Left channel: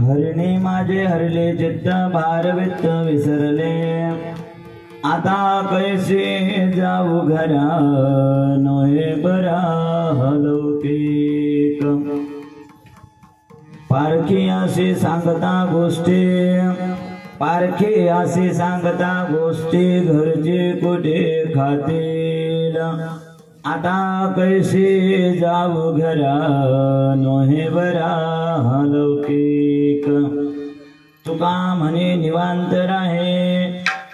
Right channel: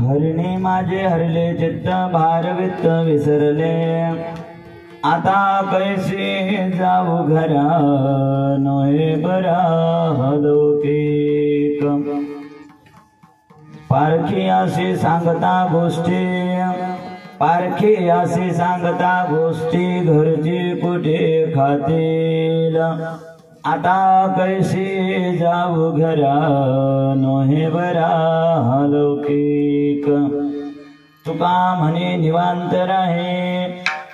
हरणे माझे हरले चित्त भारवित्त विसरले, आता कैसे जाऊ घरा नोहे बरा लौकिक। पारखी असे सांगता गोष्टी, पारखी असे सांगता गोष्टी, घरचे कुठे खातील, आता कैसे जाऊ घरा नोहे बरा लौकिक। तुका म्हणे निवांत राहे,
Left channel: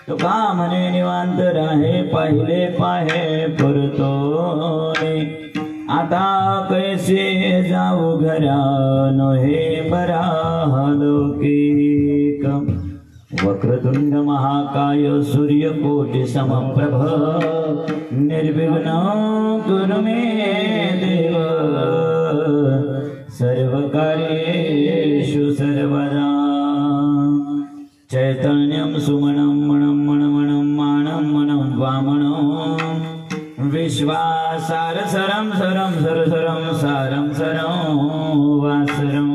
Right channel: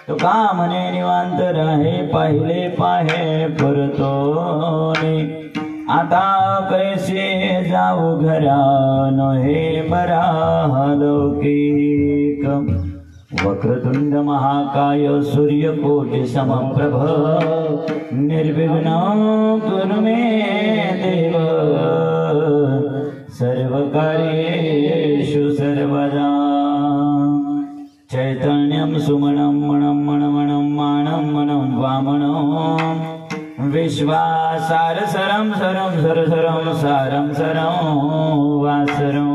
तुका म्हणे निवांत राहे, पाहिले पाहे परतोने, आता कैसे जाऊ घरा नोहे बरा लौकिक। वक्रतुंड महाकाय सूर्यकोटि समप्रभ, निर्विघ्न कुरु मे देव, सर्वकार्येषु सर्वदा। चैतन्यं सुमनं मणं मणमणं मानं मनं वामनं, विश्वासार सरं सरं सरसरं सारं सरं वासरं।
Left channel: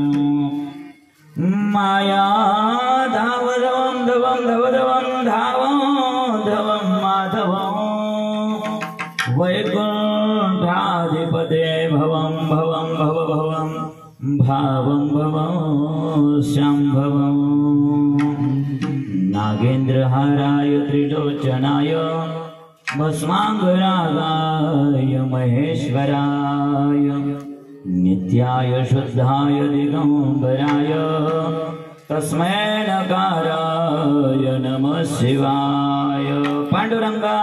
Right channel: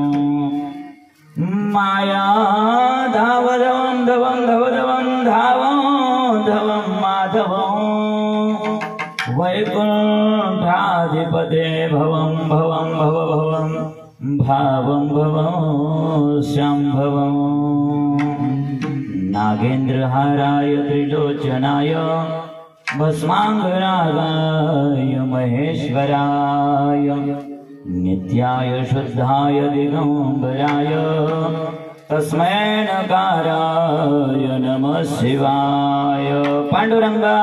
माया धावधवं धवं धवधवं धावं धवं माधवं, वैकुंठाधिपते भवं भवं भवभवं भावं भवं शंभवं। नागेन्द्रहाराय त्रिलोचनाय, भस्मांगरागाय महेश्वराय, नित्याय शुद्धाय दिगंबराय, तस्मै नकाराय नमः शिवाय। पांडुरंगा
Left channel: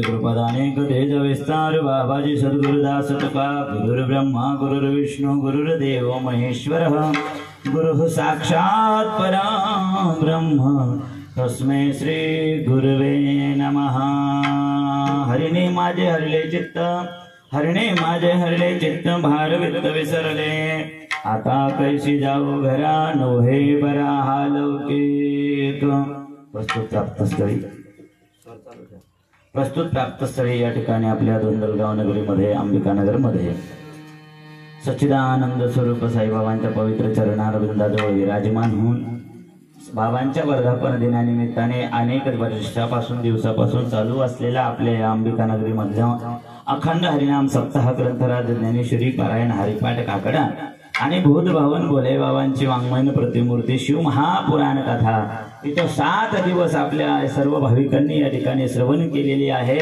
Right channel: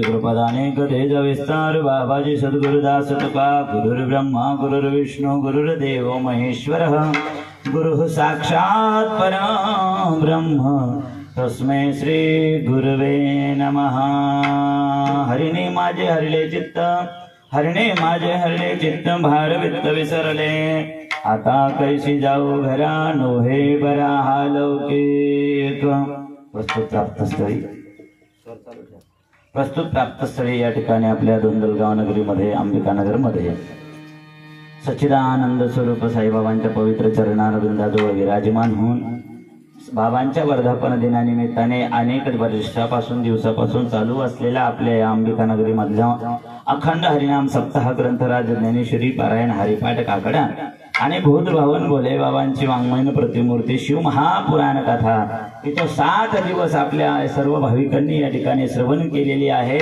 कृपदाने तेज विस्तार। बाबाजी सद्गुरुदास तुका, गुरुर्ब्रह्मा गुरुर्विष्णु गुरुर्देव महेश्वर, गुरुः साक्षात् परं ब्रह्म, तस्मै श्री गुरुवे नमः। हरिणे माझे हरले चित्त, हरणे माझे हरले चित्त, भारवित्त विसरले, आता कैसी जाऊ घरा नोहे बरा लौकिक। प्रस्तुत प्राप्तस्थळी या ठिकाणी आपल्या धोंडलगाव नगरीमध्ये, अंबिकानगरमध्ये सच्चिदानंद स्वरूप साईबाबांच्या पवित्र चरणारविंदाजवळ विराजमान होऊन बाबांच्या वर्धापन दिनानिमित्ताने अनेक वर्षापासून दिवसापासून चालू असलेला आपल्या या अंबिकानगरीमधल्या अखंड हरिनाम सप्ताह ग्रंथराज ज्ञानेश्वरी पारायण हरिपाठ काकडा आणि भूत भावन भोले बाबांची वाङ्मयन प्रतिमूर्ती शिव महापुराण कथा इथं 7 दिवस आपल्या सर्व भाविकांनी या ठिकाणी श्रवण केलेली आहे।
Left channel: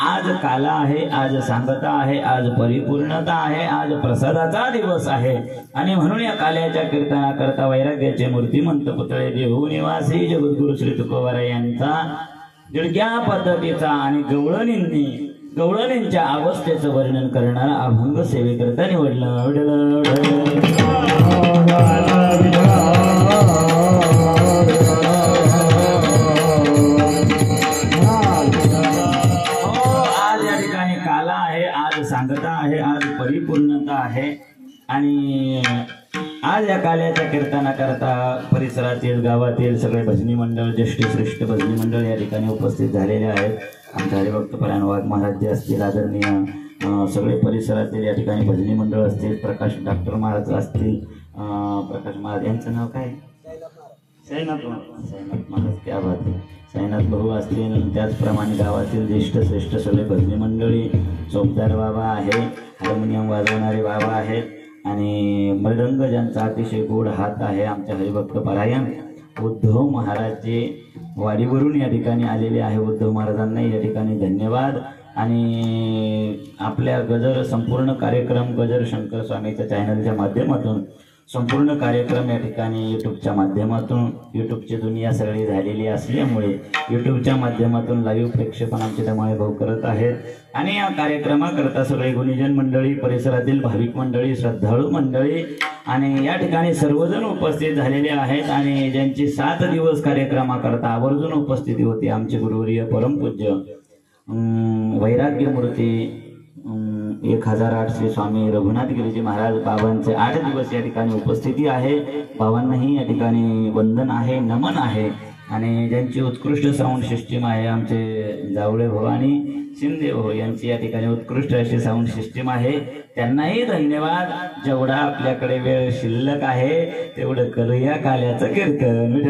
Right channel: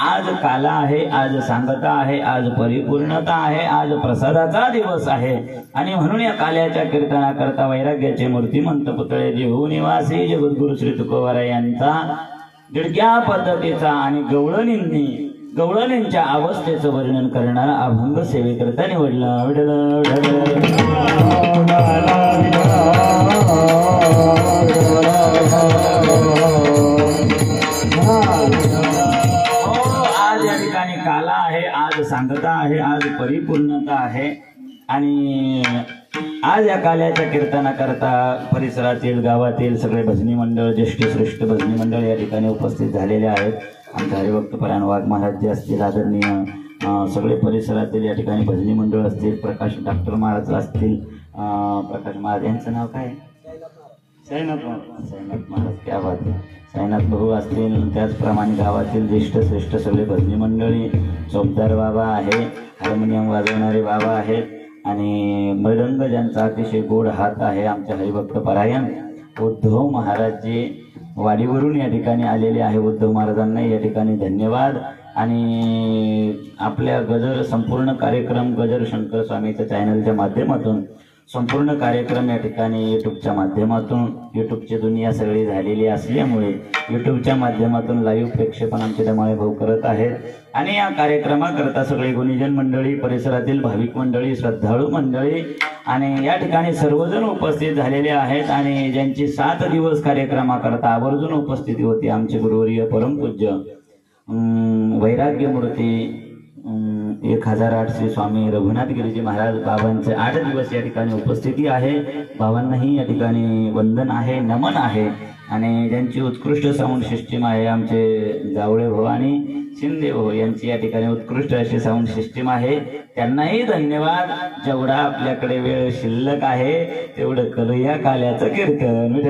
आज काला आहे, आज सांगता आहे, आज परिपूर्णता आहे, आज प्रसादाचा दिवस आहे आणि म्हणून या काल्याच्या कीर्तनाकरता वैराग्याचे मूर्तिमंत पुतळे देहू निवासी जगद्गुरु श्री तुकोबार यांचा दिडक्या पद्धतीचा आणि गवळणींच्या अवस्थेचं वर्णन करणारा अभंग सेवेकरता निवडला। आज या ठिकाणी काला आहे, आज सांगता आहे, आज परिपूर्णता आहे आणि आज या काल्याच्या कीर्तनाकरता परिसरातील गावातील सगळे भजनी मंडळ ज्येष्ठ श्रेष्ठ भजनी मंडळ या ठिकाणी उपस्थित झालेले आहेत। आमचे हरिभक्त परायण वाघ महाराज जे असतील आदरणीय सगळे परिसरातील या ठिकाणी भजनी मंडळ असतील, प्रकाश डॉक्टर महाराज असतील, प्रकाश महाराज यांचं नाव काय साईनाथ महाराज त्या बात साईनाथ भाऊ असतील, त्याचप्रमाणे गावातील ज्येष्ठ श्रेष्ठ सगळे भजनी मंडळी चौकदार बाबा आहे, हार्मोनियम वाजवणारे बाबा आहेत आणि मृदंग ज्यांचा अतिशय गोड हात आहे आमचे हरिभक्त परायण उद्धव महाराज जे वाडीवरून या ठिकाणी आलेले आहे। उद्धव महाराजांना या ठिकाणी धन्यवाद आणि आपल्या गजर संपूर्ण कार्यक्रम गजर शंकर स्वामीच्या चॅनलच्या माध्यमातून संपूर्ण कार्यक्रम या ठिकाणी यूट्यूबच्या माध्यमातून यूट्यूबची दुनिया सगळी झालेली असल्यामुळे यूट्यूबच्या माध्यमातून लाईव्ह प्रेक्षेपण आमचे धमाळे भाऊ करत आहेत आणि या कार्यक्रमाकरता सगळे गुणीजन मंडळी परिसरातील भाविक मंडळी श्रद्धाळू मंडळी आणि या ठिकाणी सर्वजण उपस्थित झालेले आहेत आणि ज्यांची 7 दिवस कार्यक्रमाकरता आवर्जून उपस्थिती होती आमचे गुरुवर्य परमपूज्य वैराग्य मूर्ती 1008 श्री स्वामी रघुनाथ गिरीजी महाराज बाबांचे 8 दिवस या ठिकाणी उपस्थिती आहे। बाबांनाही या ठिकाणी वंदन आहे, नमन आहे आणि ज्यांची उत्कृष्ट साऊंड सिस्टीम आहे आमचे जावळे भाऊ आणि शिंदे भाऊ यांची या ठिकाणी उत्कृष्ट अशी साऊंड सिस्टीम आहे, त्यांनाही धन्यवाद। जेवढा आपल्याकडे वेळ शिल्लक आहे तेवढं करूया काल्याचं कीर्तन।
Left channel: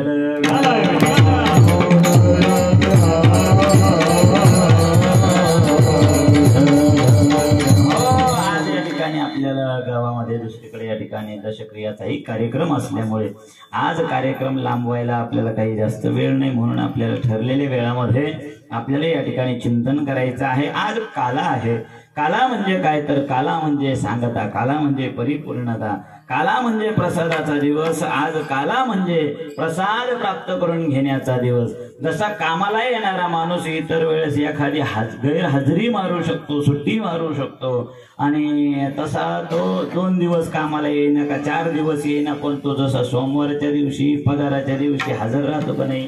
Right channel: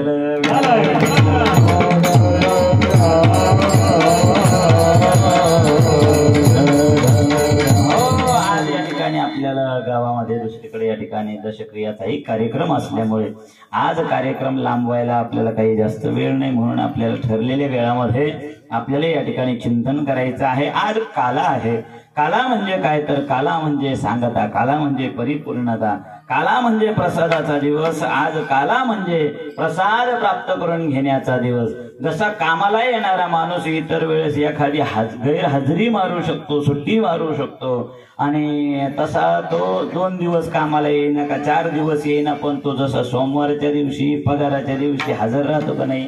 आपल्याला गावामध्ये दुसरीकडे या ठिकाणी दशक्रियाचाही कार्यक्रम असल्यामुळे आज कार्यक्रम लांबवायला आपल्याला काही जास्त वेळ नाही, म्हणून आपल्याला ठरलेल्या वेळामध्ये आपल्याला या ठिकाणी चिंतन करायचं आहे। आज काला आहे, काला म्हणजे काय तर काला म्हणजे सांगता, काला म्हणजे परिपूर्णता, काला म्हणजे प्रसादाचा दिवस। आज काला म्हणजे प्रसाद प्राप्त करून घेण्याचा दिवस। जसा कामाला येणारा माणूस इतर वेळेस एखादी गैरहजेरी मारू शकतो, सुट्टी मारू शकतो आणि तसा तो 2 दिवस कामाला येईना का 4 दिवस येईना, पण तो जसा सोमवारच्या दिवशी पगाराच्या दिवशी हजर राहतो का नाही,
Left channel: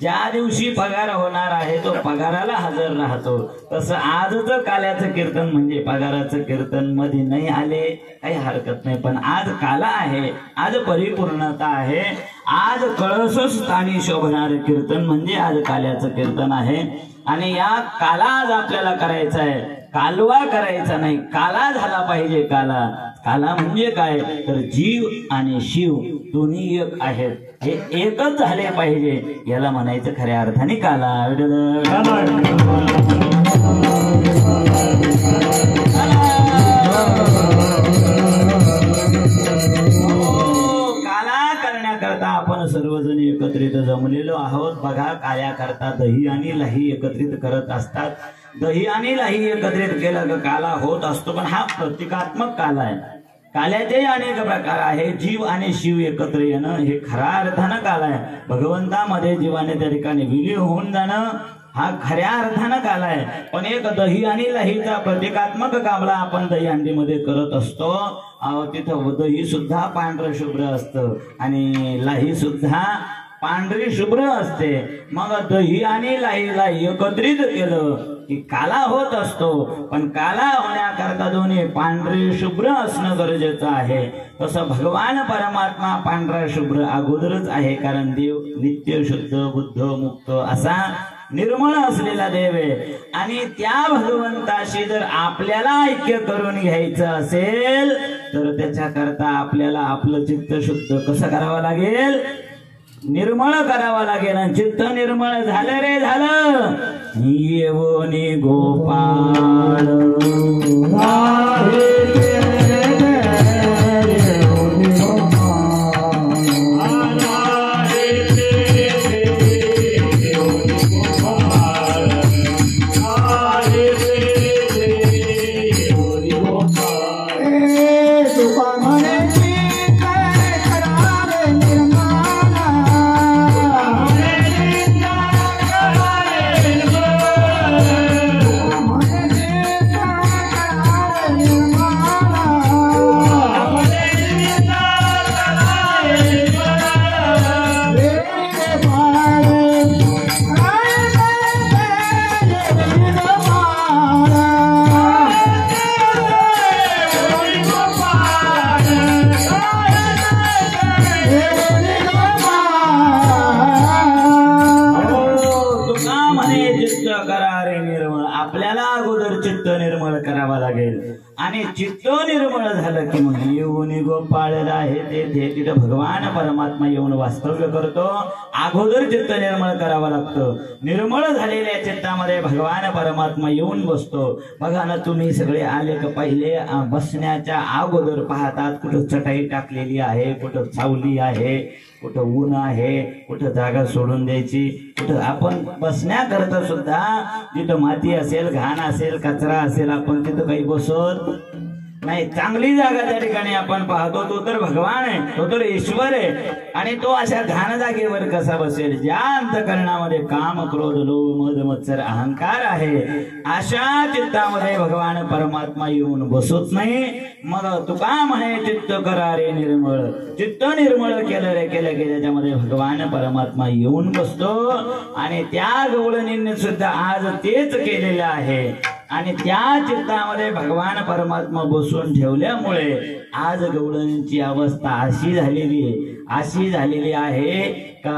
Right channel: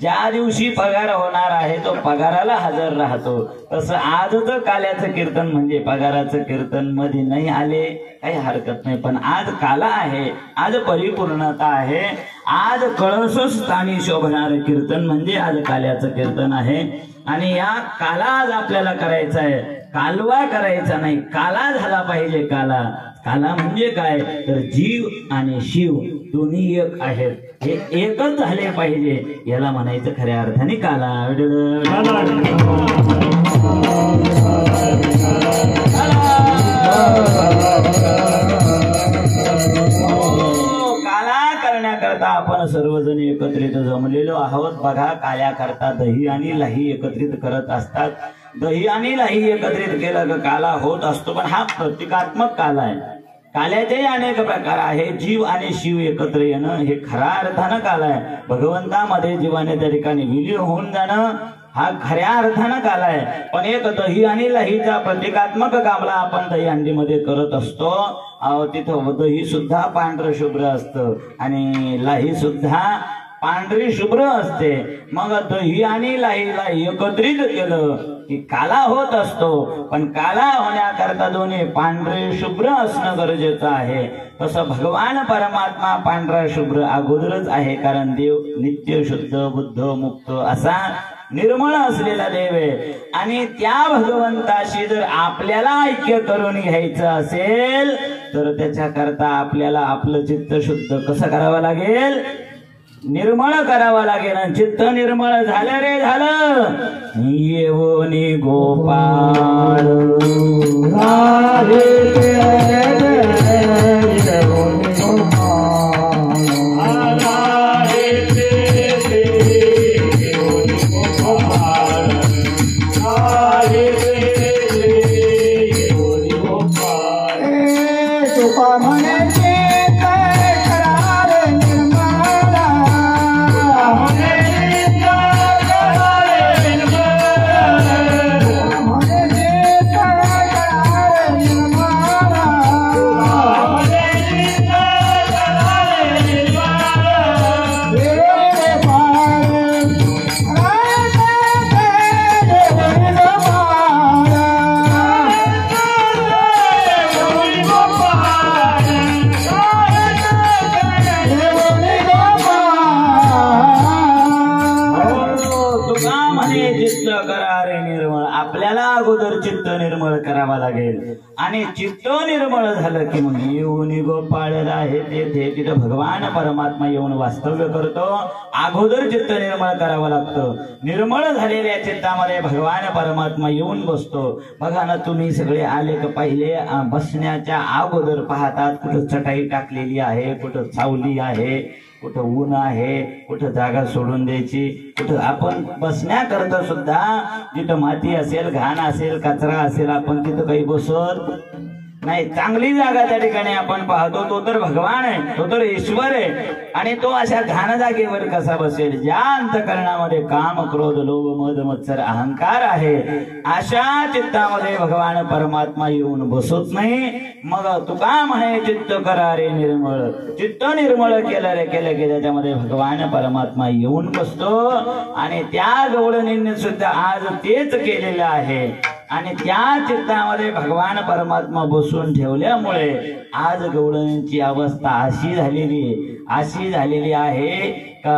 ज्या दिवशी पगार होणार आहे तो पगाराला हजर राहतो, तसं आजचं काल्याचं कीर्तन म्हणजे पगाराचं कीर्तन मध्ये नाही आले काही हरकत नाही, पण आज काला आहे, आज परिपूर्णता आहे, आज कळसस्थानी शोभणार कीर्तन म्हणजे आज काल्याचं कीर्तन आहे आणि या काला आज आपल्याला करायचा आहे, कालवा करायचा नाही, काला झाला पाहिजे। काला म्हणजे काय तर जीव आणि शिव दोन्ही एक आहेत, हे एकच झाले पाहिजे, याला म्हणायचं खऱ्या अर्थाने काला। काला करण्याकरता आपण सर्वजण एकत्रित जमलेलो आहोत। बघा काल्याकरता दही आणि लाही एकत्रित करत असतात, दही आणि लाही एकत्रित केलं तर काला होत असतो, पण हा प्रतिकात्मक काला आहे। काल्याचे अनेक प्रकार आहे, जीव आणि शिव एकत्र येणं हे खऱ्या अर्थानं काला आहे। भगवंतामध्ये जीवाने त्या ठिकाणी विलीन होऊन जाणं हा खऱ्या अर्थानं काला आहे, पण एक दही आणि लाहीचा प्रतिकात्मक कामला आपण दहीहंडीमध्ये करत असतो, तिथं दही सुद्धा पांढरं शुभ्र असतं आणि लाही सुद्धा पांढरी शुभ्र असते। मग दही आणि लाहीला एकत्रित केलं की काला होत असतो, पण काला होण्याकरता दोन्ही पांढरे शुभ्र असणं गरजेचं आहे। तसं भगवान परमात्मा पांढरा शुभ्र अगोदरच आहे, कारण देव नित्य शुद्ध बुद्ध मुक्त असा निर्मळ असलेला देव आहे आणि त्या भगवंताशी जर आपल्याला ऐक्य करून घ्यायचं असेल तर त्याच्याकरता आपल्याला आपलं चित्त शुद्ध कसं करावं लागेल, निर्मळ करावं लागेल. चित्त निर्मळ झालं रे झालं. येवनी गोपाळ आणि चित्त निर्मळ झालं की मग येऊन गोपाळ आहे ते तिथं भगवान परमात्मा येऊन वास्तव्य करतो. अगोदर चित्त निर्मळ करावं लागतं. निर्मळ झालेल्या चित्तामध्ये भगवान परमात्मा येऊन बसतो. बघा ना, तुम्ही सगळे आले का पहिले बसण्याच्या अगोदर पाहतात कुठं चटाई टाकलेली आहे, कुठं सावली आहे, कुठं ऊन आहे, कुठं जागा सोडून द्यायची, कुठं आपण बसण्याकरता सुद्धा जिथं माती असेल, घाण असेल, कचरा असेल, आपण तिथं काही बसत नाही. चांगली जागा त्या ठिकाणी आपण पाहतो. तो तर भगवान आहे, तो तर ईश्वर आहे. आणि तो अशा घाण जागेवर कसा बसेल? ज्या अंतकरणामध्ये काम, क्रोध, लोभ, मद, मत्सर, अहंकार आहे, अशा चित्तामध्ये भगवान परमात्मा येऊन बसत नाही. मग तुका म्हणे चित्त करा रे निर्मळ. चित्त निर्मळ केलं रे केलं की त्याच्यामध्ये भगवान परमात्मा येऊन बसतो. आणि त्या गवळणींनी सुद्धा आज तेच केलेलं आहे. आणि त्या चित्तामध्ये भगवान परमात्मा बसून ठेवल्यामुळे आज गवळणींची अवस्था अशी झालेली आहे का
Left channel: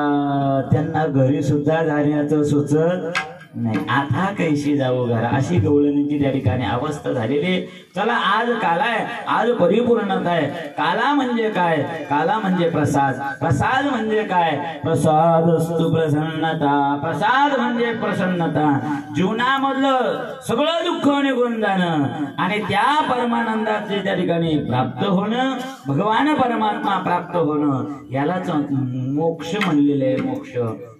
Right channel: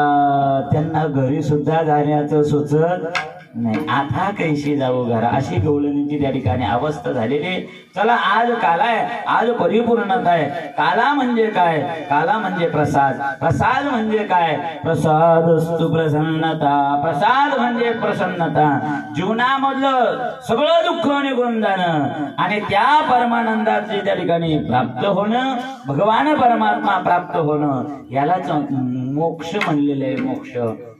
त्यांना घरी सुद्धा जाण्याचं सुचत नाही. आता कैशी जाऊ घर, अशी गवळणींची त्या ठिकाणी अवस्था झालेली. चला, आज काला आहे, आज परिपूर्णता आहे. काला म्हणजे काय? काला म्हणजे प्रसाद. प्रसाद म्हणजे काय? प्रसादस्तु प्रसन्नता. प्रसाद म्हणजे प्रसन्नता. जीवनामधलं सगळं दुःख निघून जाणं आणि त्या परमानंदाचे त्या ठिकाणी प्राप्त होणं, भगवान परमात्मा प्राप्त होणं, यालाच मोक्ष म्हणलेलं आहे. मोक्ष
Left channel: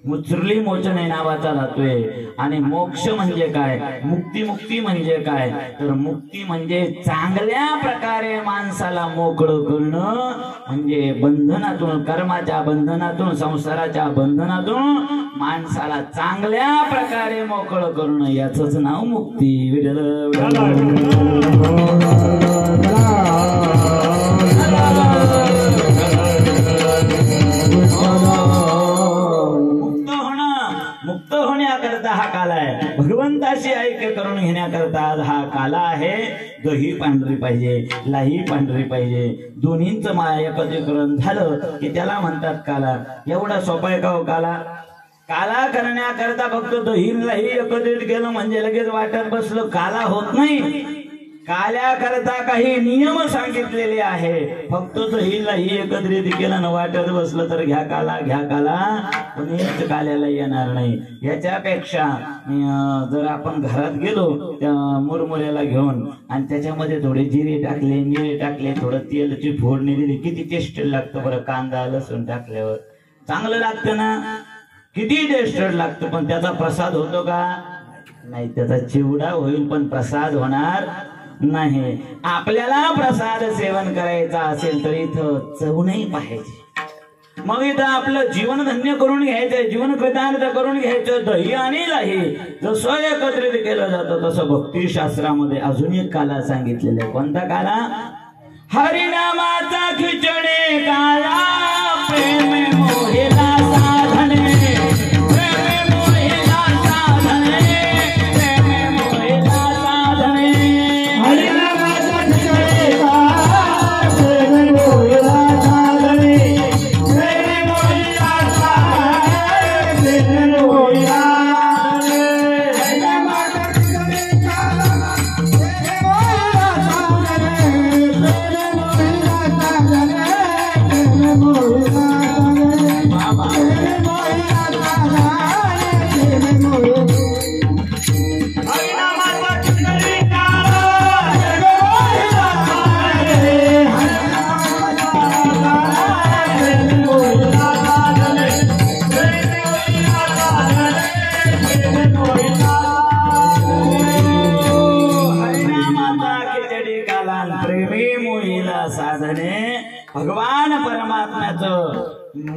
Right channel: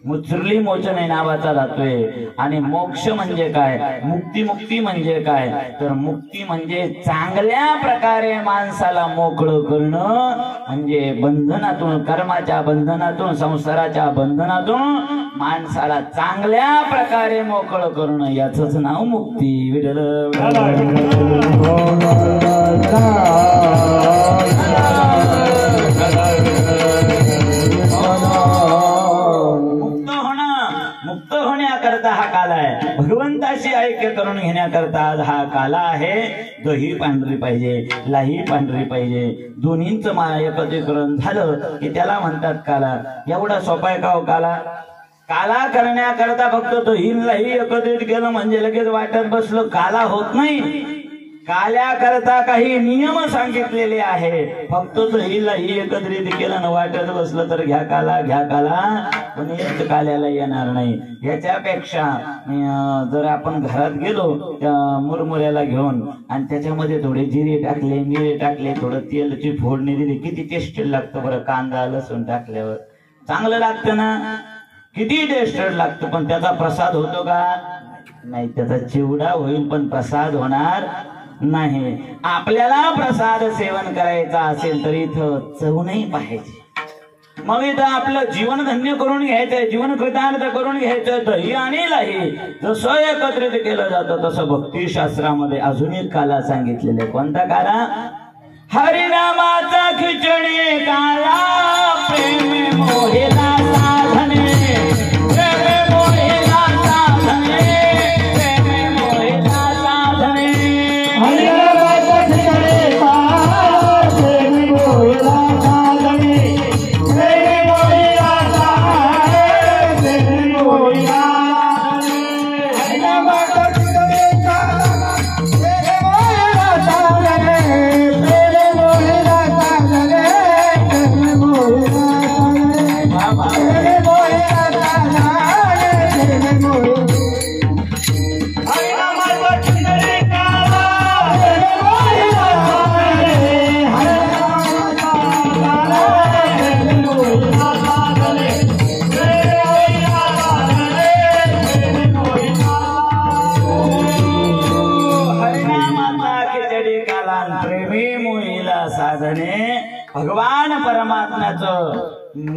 मुत्सुर्ली मोचन नावाचा जातोय. आणि मोक्ष म्हणजे काय? मुक्ती म्हणजे काय? तर मुक्ती म्हणजे चांगल्या प्रकारे माणसाला मोकळं करणं, म्हणजे बंधनातून, कर्माच्या बंधनातून, संसाराच्या बंधनातून माणसाला चांगल्या प्रकारे मोकळं करणं, याचंच नाव मुक्ती. हा काल आहे. भगवंताशी ऐक्य करून घेण्याकरता आज हा काला आहे. दही पांढरी पाहिजे, लाही पांढरी पाहिजे, दोन्हींचं एकत्रीकरण झालं की त्याला म्हणतात काला. एवढा सोपा आहे का हो काला? काला करण्याकरता फक्त दही लाही एकत्रित केलं म्हणजे लगेच वाटत बसलं, काला होत नाही. काल्याकरता काही नियम सांगितलेले आहे. फक्त दही लाही एकत्रित केलं न वाटत बसलं तर घ्या काला पण काल्याला येणार नाही. याच्यापेक्षा जर आपण घरात गेलो त्या मुरमुऱ्याला घेऊन आणि त्याच्यामध्ये थोडे जिरे टाकले, थोडं तेलची फोडणी दिली, किती टेस्ट लागतं बरं. कांदा लसूण टाकल्यावर चांगलं लागतं ना, किती टेस्ट लागतं. पण त्याचा प्रसाद होतो का? नाही. त्याचा चिवडा होईल पण प्रसाद होणार नाही. आपल्याला प्रसाद सेवन करायचा असेल तर इथं चव नाही पाहिजे. मग इथं आपलं जीवन धन्य करून घ्यायचंय, जीवन कृतार्थ करून घ्यायचं. दही आणि लाही जसं एकत्रित केलं जातं तसं भक्तिशास्त्रामध्ये अजून एक काला सांगितलेला आहे. कोणता काला? हरिनामाचा खिचणे काला, प्रेम मोहेला साधने, प्रेम मोहेला साधने, प्रेम मोहेला साधने. साधने भगवान परमात्म्याचं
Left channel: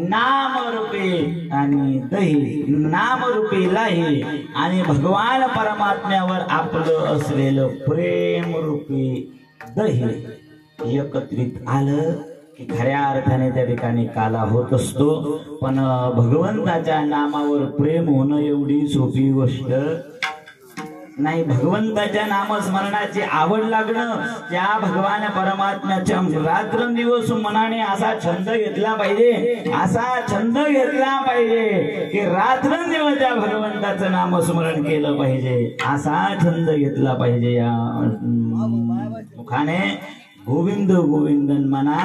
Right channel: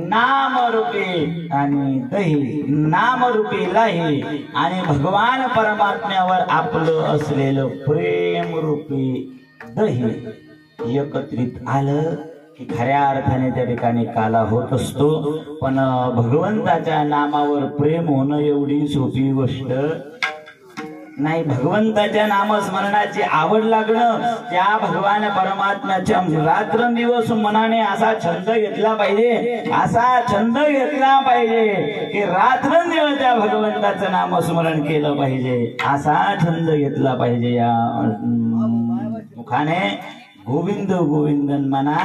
नामरूपी आणि दही नामरूपी लाही आणि भगवान परमात्म्यावर आपलं असलेलं प्रेम रूपी दही एकत्रित आलं की खऱ्या अर्थाने त्या ठिकाणी काला होत असतो. पण भगवंताच्या नामावर प्रेम होणं एवढी सोपी गोष्ट नाही. भगवंताच्या नामस्मरणाची आवड लागणं, त्या भगवान परमात्म्याच्या रात्रंदिवस मनाने असा छंद घेतला पाहिजे, असा छंद घेतला पाहिजे की रात्रंदिवस त्या भगवंताचं नामस्मरण केलं पाहिजे, असा छंद घेतला पाहिजे. या मुखाने गोविंद गोविंद मना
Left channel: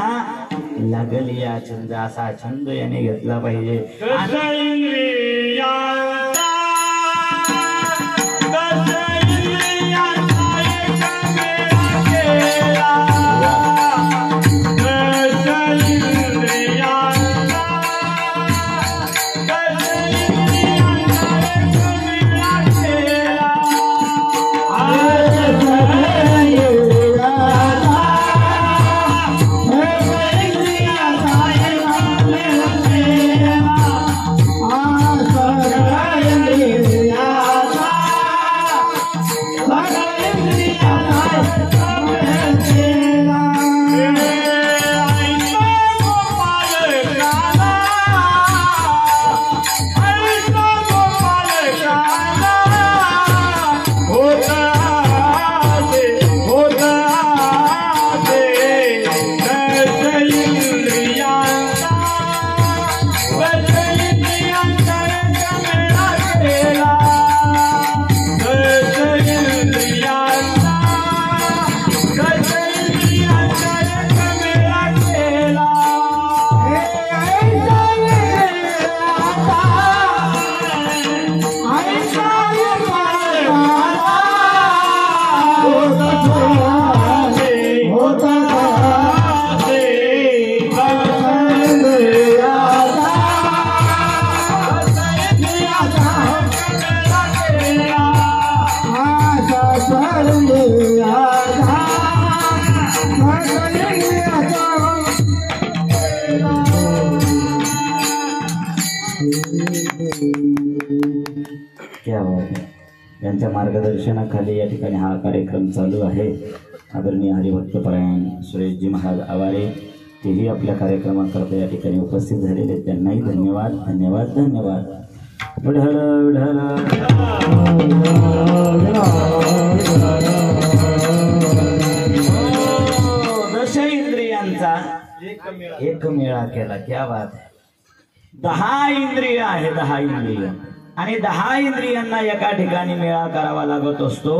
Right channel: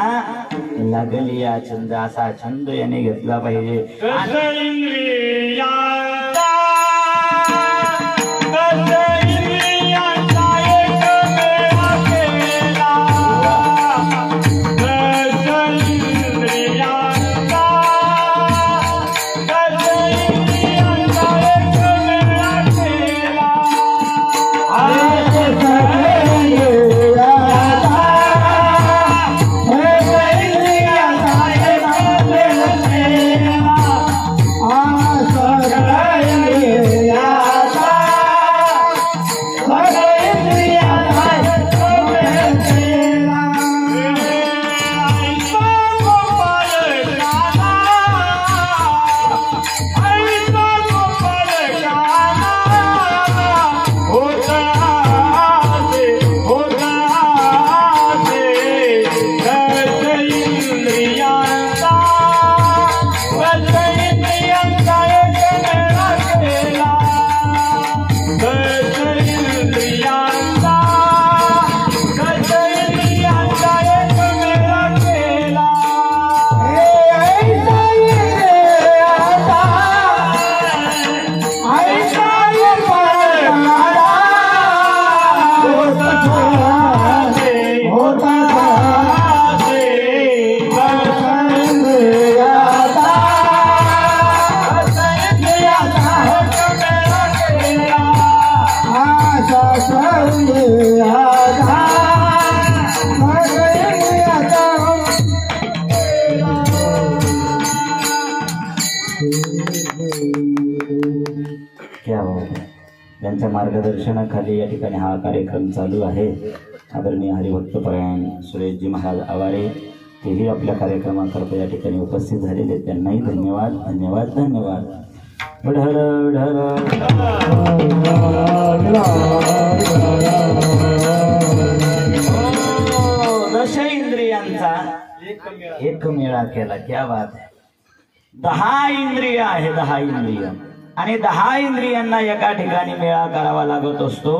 लागली या छंद, असा छंद याने घेतला पाहिजे. यांच्या मार्गदर्शनाखाली या ठिकाणी हा कार्यक्रम चालू आहे. आदरणीय हरिभक्तपरायण सुरेशजी महाराज आवारे तेही आपल्या कार्यक्रमाकरता या ठिकाणी उपस्थित झालेले, त्यांनाही धन्यवाद धन्यवाद धन्यवाद. दश इंद्रियांचा एक मेळा केला. क्या बात आहे. 10 इंद्रिय आहे, 10 इंद्रिय आणि 10 इंद्रियांना एका ठिकाणी मेळा करावा लागत असतो.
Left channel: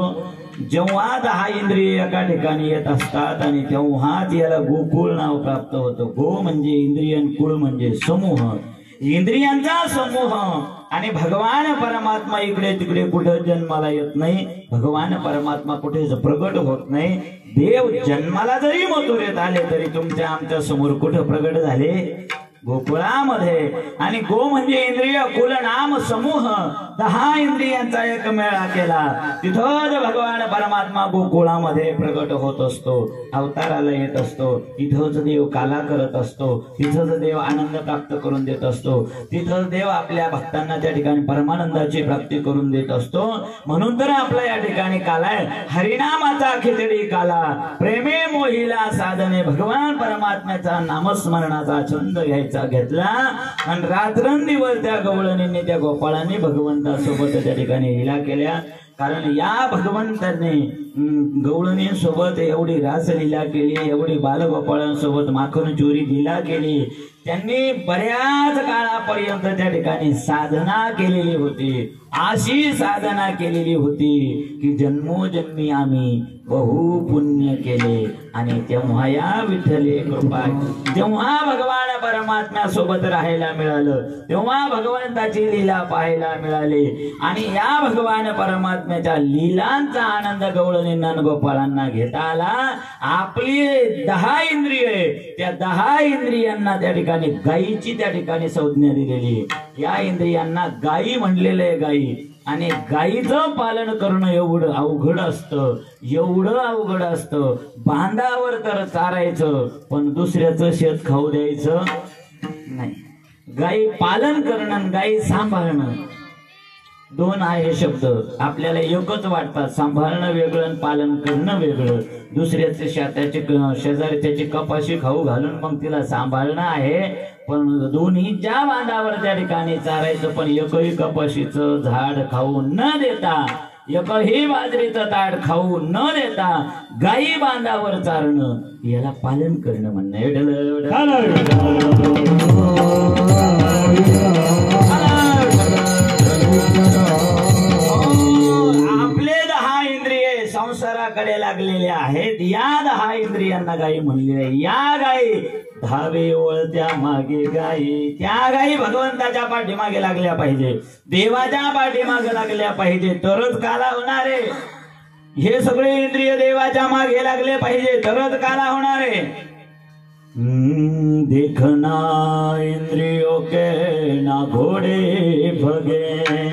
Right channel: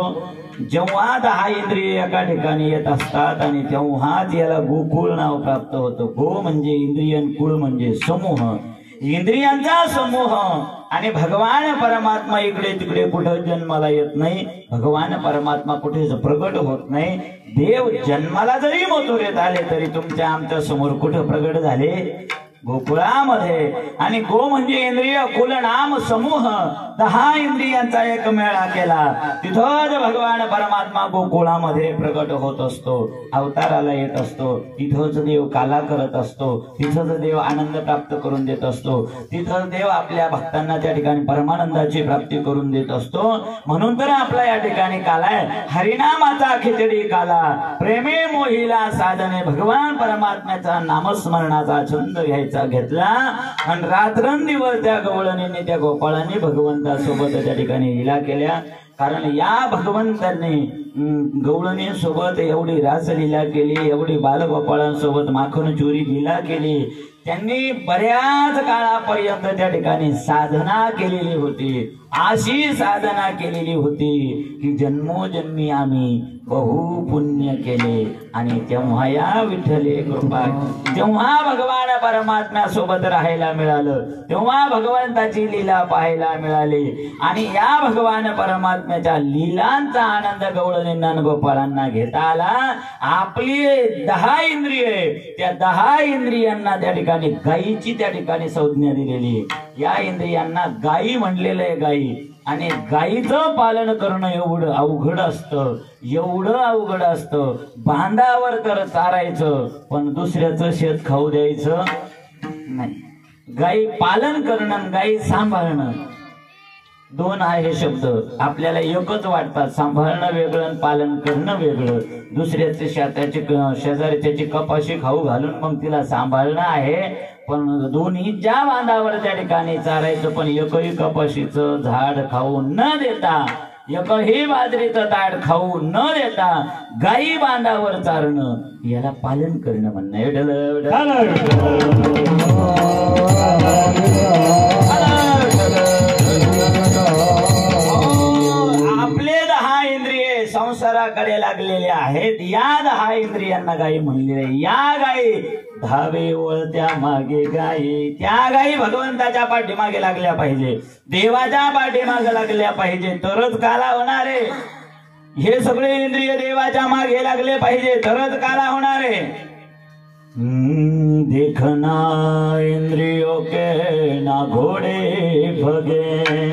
जेव्हा 10 इंद्रिय एका ठिकाणी येत असतात आणि तेव्हाच याला गोकुळ नाव प्राप्त होतं. गो म्हणजे इंद्रिय, कुळ म्हणजे समूह, इंद्रियांचा समूह. आणि भगवान परमात्मा इकडे तिकडे कुठं जन्माला येत नाही. भगवान परमात्मा कुठेच प्रगट होत नाही. देव जन्माला जरी मथुरेत आले तरी तुमच्या आमच्या समोर कुठं प्रगट झाले? गोकुळामध्ये. आणि गो म्हणजे इंद्रिय, कुल नाम समूह, 10 इंद्रियांचा एक मेळा केला. तिथंच भगवान परमात्मा गोकुळामध्ये प्रगट होत असतो, अवताराला येत असतो. तिथंच देव काला करत असतो, तिथंच देव आनंद प्राप्त करून देत असतो, तिथंच देव आपल्या भक्तांना त्या ठिकाणी परमानंदाची प्राप्ती करून देत असतो. म्हणून तर आपला या ठिकाणी काला आहे. हरिनामाचा खिचडी काला, प्रेमे मोहिला साधने, भगवान परमात्म्याचा नामस्मरणाचा छंद घेतला आणि रात्रंदिवस त्या गवळणीने त्या गोपाळाने भगवंतासोबत त्या ठिकाणी लीला केल्या. कारण या भगवंताने गवळणीसोबत एवढी रासलीला केली, एवढी बालगोपाळांसोबत माखन चोरी लीला केली. त्यांनी बऱ्याच काळापर्यंत त्या ठिकाणी साधना केलेली होती. अशी साधना केलेली होती की जन्मोजन्मी आम्ही बहु पुण्य केले. आणि तेव्हा या विठ्ठले कृपा, जेव्हा भगवान परमात्म्यासोबत राहायला मिळालं, तेव्हा भगवंताची लीला पाहायला मिळाली. आणि या भगवान परमात्म्याच्या लीलांचा आनंद गवळणींना गोपाळांना घेता आला. आपली 10 इंद्रिय, त्या 10 इंद्रियांना त्या ठिकाणी गायीची त्या ठिकाणी संज्ञा दिलेली. या इंद्रियांना गायी म्हणलेलं आहे. गायी आणि गाईचं पालन करणं एवढं अवघड असतं, एवढं अवघड असतं. बांधावर तर चारायचं पण दुसऱ्याचं शेत खाऊ द्यायचं नाही. गाई पालन करणं, गाई सांभाळणं दोन आहे शब्द. आपल्याला एकच वाटतात. सांभाळणं वेगळं आणि पालन करणं वेगळं. दुसऱ्याचे शेताचे शेजारच्याची कपाशी खाऊ घालून मग तिला सांभाळणं आहे. पण दोन्ही ज्या बांधावर त्या ठिकाणी चारायचं पण एकही कपाशीचं झाड खाऊ न देता, एकही बाजरीचं ताट खाऊ न देता गाई बांधावर चारणं याला पालन करणं म्हणणं. आपले 10 इंद्रिये संसाराकडे लागलेले आहेत. या 10 इंद्रियांना गाई म्हणलेले. या गाई धावे ओळत्या मागे गाई. त्या गाई भगवंताच्या पाठीमागे लागल्या पाहिजे, देवाच्या पाठीमागे लागल्या पाहिजे, तरच काला होणार आहे. हे सगळे इंद्रिय देवाच्या मागे लागले पाहिजे तरच काला होणार आहे. देखना इंद्रियों के ना घोड़े भगे,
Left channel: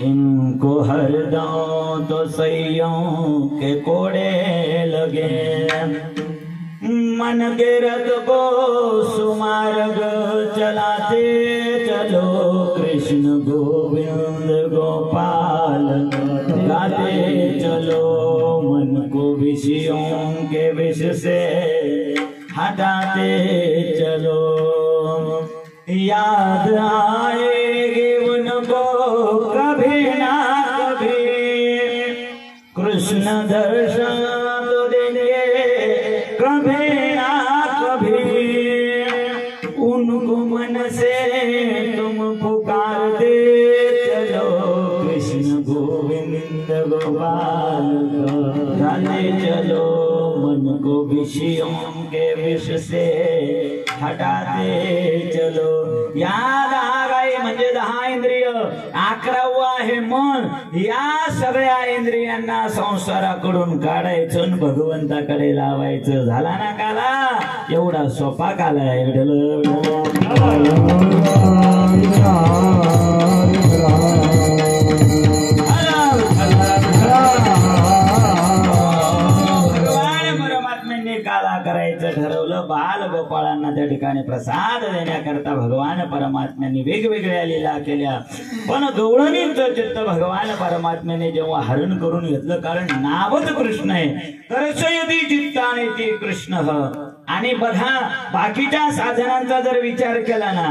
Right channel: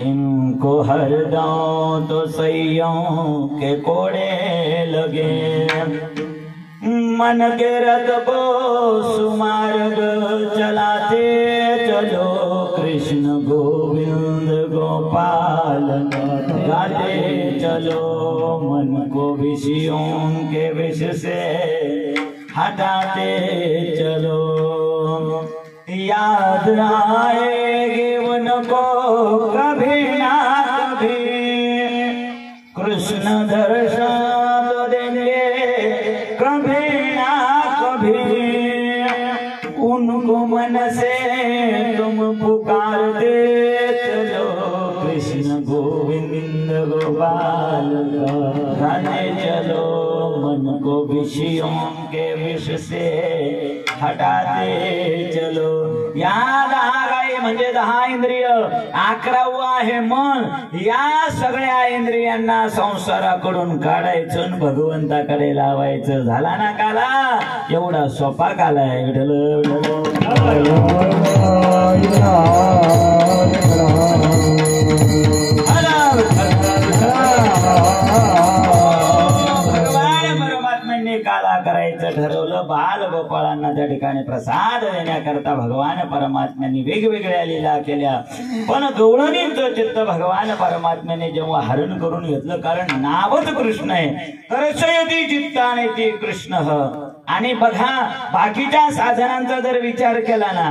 इनको हरदम तो सैयों के कोड़े लगे. मन के रथ को सुमार्ग चलाते चलो, कृष्ण गोविंद गोपाल गाते चलो. मन को विषयों के विष से हटाते चलो, याद आएगी उनको कभी ना कभी, कृष्ण दर्शन तो देंगे कभी ना कभी. उनको मन से तुम पुकारते चलो, कृष्ण गोविंद गोपाल गाते चलो. मन को विषयों के विष से हटाते चलो. या 10 गाई म्हणजे 10 इंद्रिय. 11वं आहे मन. या सगळ्या इंद्रियांना संसाराकडून काढायचं आणि भगवंताकडे लावायचं. झाला ना काला? एवढा सोपा काला आहे. ठरवलं. बाल गोपाळांना त्या ठिकाणी प्रसाद देण्याकरता भगवान परमात्म्यांनी वेगवेगळ्या लीला केल्या. पण गवळणींचं चित्त भगवान परमात्म्याने जेव्हा हरण करून घेतलं, कारण नावच कृष्ण आहे, कर्षयति चित्ताने ते कृष्ण. आणि बघा बाकीच्या साधनांचा जर विचार केला ना,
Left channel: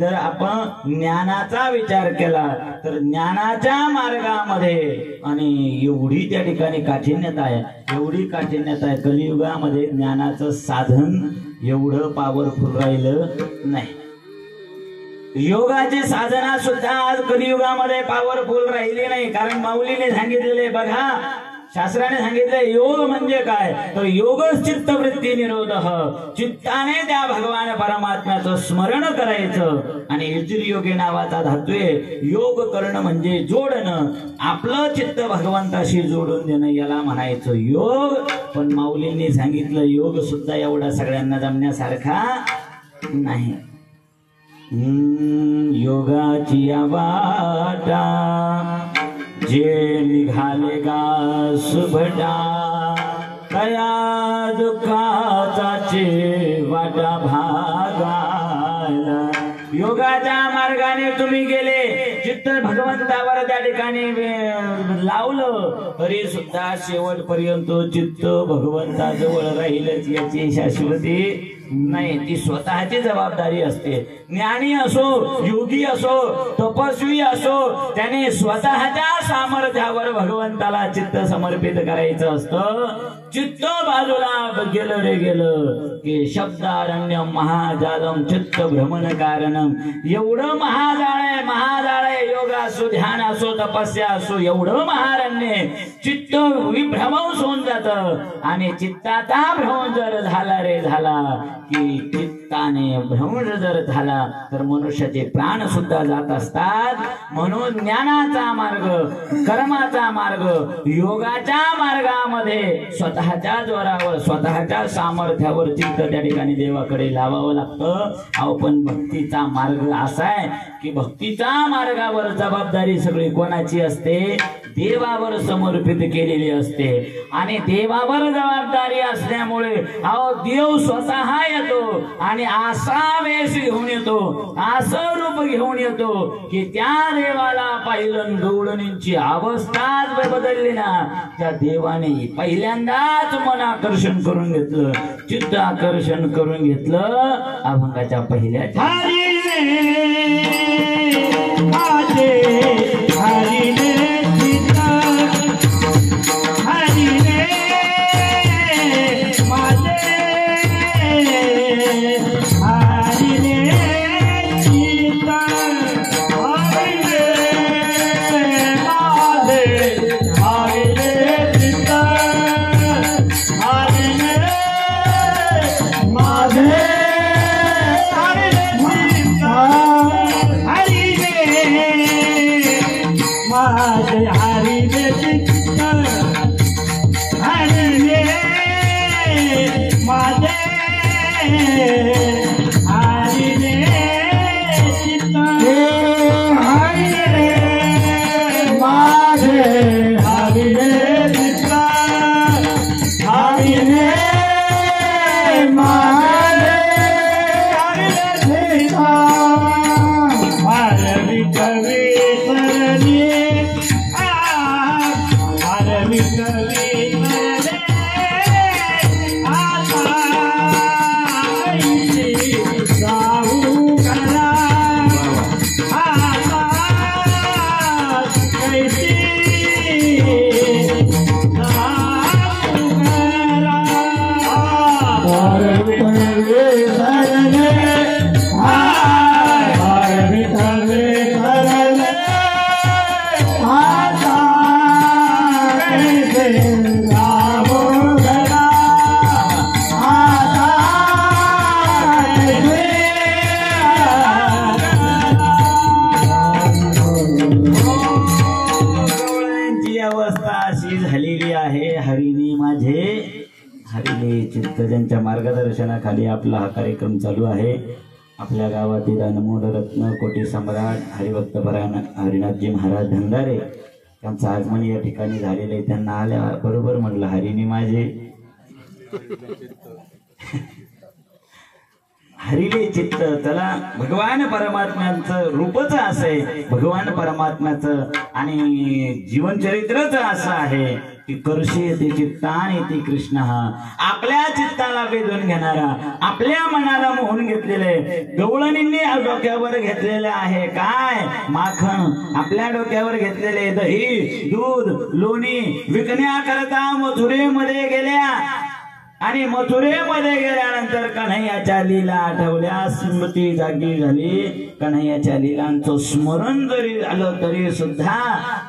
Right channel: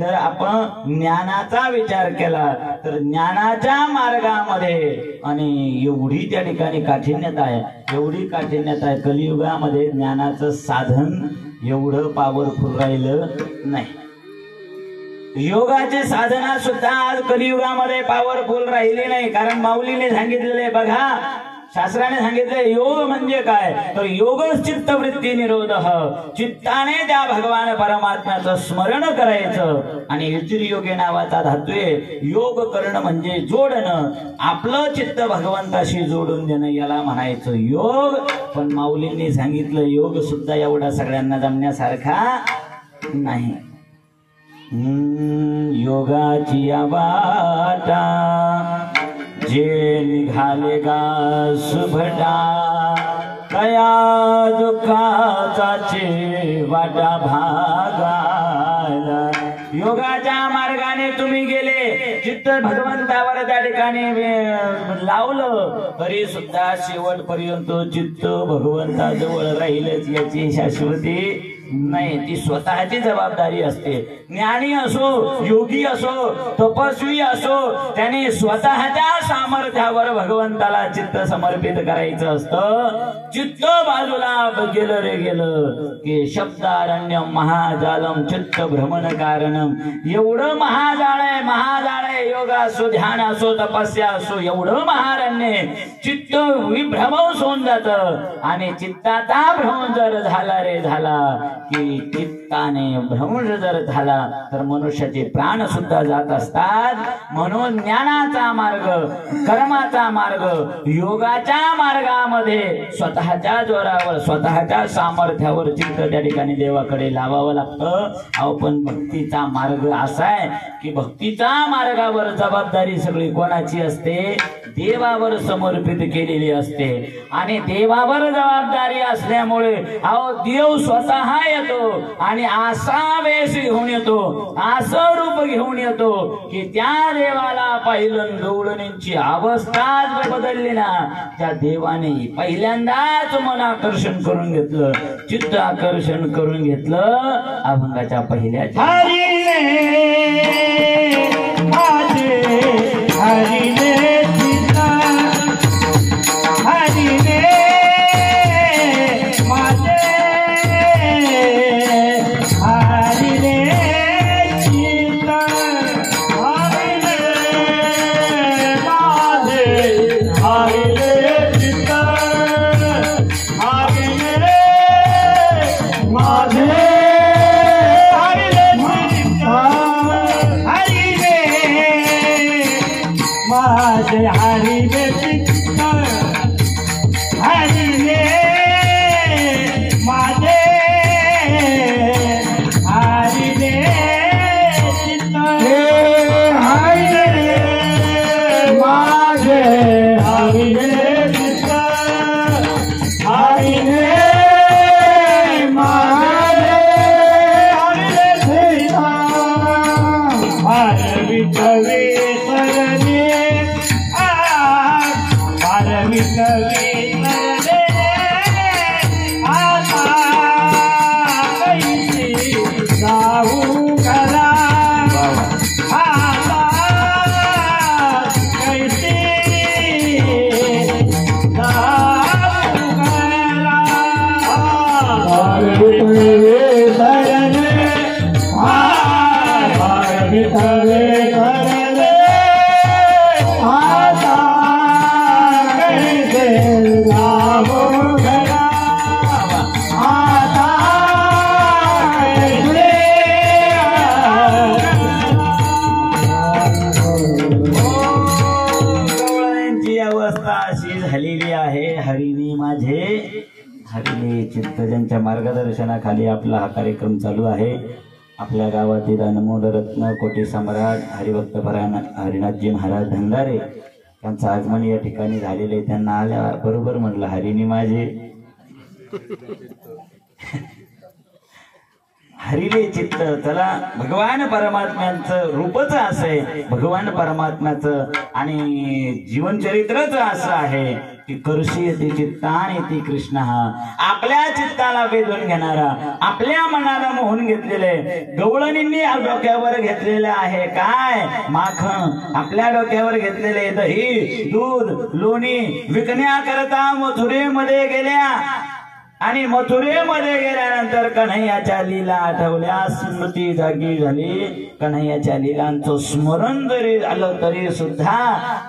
जर आपण ज्ञानाचा विचार केला तर ज्ञानाच्या मार्गामध्ये आणि एवढी त्या ठिकाणी काठिन्यता आहे, एवढी काठिन्यता आहे. कलियुगामध्ये ज्ञानाचं साधन एवढं पॉवरफुल राहिलं नाही. योगाचे साधना सुद्धा आज कलियुगामध्ये पॉवरफुल राहिली नाही. कारण माऊलीने सांगितलेले बघा, शास्त्राने सांगितले योग म्हणजे काय, तर योगच चित्तवृत्ती निरोध. चित्ताने त्या भगवान परमात्म्याचं स्मरण करायचं. आणि योगे नावाचा धातू आहे. योग करणं म्हणजे जोडणं, आपलं चित्त भगवंताशी जोडून देणं, याला म्हणायचं योग. पण माऊलींनी सांगितलं योग सुद्धा एवढा सगळ्यांना जमण्यासारखा नाही. योगाची वाटा जे निघाले गा सुभटा, कया दुःखाचा वाटा भागाला. योगाच्या मार्गाने तुम्ही गेले, चित्त भगवंतावर त्या ठिकाणी लावलं तरी सुद्धा शेवटपर्यंत चित्त भगवंताजवळ राहीलच याची शाश्वती नाही. ती स्वतःची जबाबदारी असते. ज्ञानी असो, योगी असो, तपस्वी असो, त्याने स्वतःच्या सामर्थ्यावर भगवंताला चित्त समर्पित करायचं असतं. चित्त बाजूला गेलं रे गेलं की शब्दारण्यम महाजालम चित्त भ्रमण कारणम. एवढं महाजाळ आहे, महाजाळ आहे. योग असो, ध्यान असो, तपस्या असो, एवढं महारण्य चित्त विभ्रमण होऊन जात. आणि चित्ताचा भ्रमण जर झाला रे झाला की चित्त चित्ताने भ्रमण जर झाला तर मनुष्याचे प्राण सुद्धा जात असतात. म्हणून ज्ञानाचा मार्ग, कर्माचा मार्ग, योगाच्या मार्गामध्ये स्वतःच्या जोरावर, स्वतःच्या सामर्थ्यावर चित्त त्या ठिकाणी देवाकडे लावावं लागतं. अहो पण भक्तीचा मार्ग असा आहे की भक्तीच्या मार्गावर जबाबदारी सगळी कोणाची असते? देवावर समर्पित केलेली असते. आणि देवावर जबाबदारी असल्यामुळे अहो देव स्वतः येतो आणि असा वेश घेऊन येतो, असं रूप घेऊन येतो की त्या देवाला पाहिलं गवळणींची अवस्थाच बदलली ना. त्या देवाने पहिल्यांदाच मन आकर्षण करून घेतलं, चित्त आकर्षण करून घेतलं अभंगाच्या पहिल्या ज्यांच्या मार्गदर्शनाखाली आपला हा कार्यक्रम चालू आहे. आपल्या गावातील अनमोल रत्न कोटी सम्राट हरिभक्त हरिनाथजी महाराज भंडारे त्यांचं आगमन या ठिकाणी झालेले. त्यांना आल्या बरोबर म्हणलं हरिणी माझे हरिले चित्त. त्याला भगवान परमात्म्याचं रूपच असं आहे, भगवान परमात्म्याचं आणि जीवनचरित्रच असं आहे की करशी ते चित्ता आणि ती कृष्ण. हा आपल्या चित्ताला वेधून घेणारा, आपल्या मनाला मोहून घेतलेले गवळणींनी डोक्यावर घेतलेले आहे काय? माखन. आपल्या डोक्यावर घेतलेले दही, दूध, लोणी विकण्याकरता मथुरेमध्ये गेल्या आणि मथुरेमध्ये गेल्यानंतर कन्हैयाच्या लीला आठवल्या, स्मृती जागी झाली. कन्हैयाच्या लीलांचं स्मरण जरी झालं तरी सुद्धा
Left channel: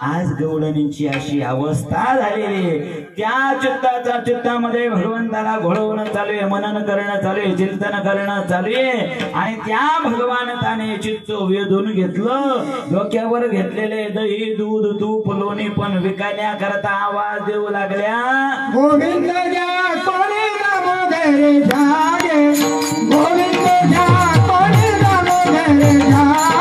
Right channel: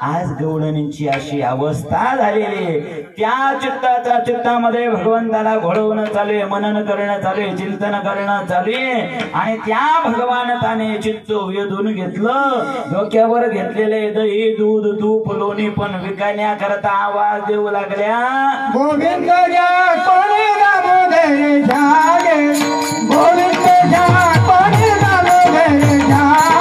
आज गवळणींची अशी अवस्था झालेली. त्या चित्तामध्ये भगवंताला घोळवणं चालू आहे, मनन करणं चालू आहे, चिंतन करणं चालू आहे. आणि त्या भगवानताने चित्त वेधून घेतलं. डोक्यावर घेतलेले दही, दूध, तूप, लोणी पण विकण्याकरता आवाज देऊ लागल्या. गोविंद जागे गोविंद जा कोणी जागे जागे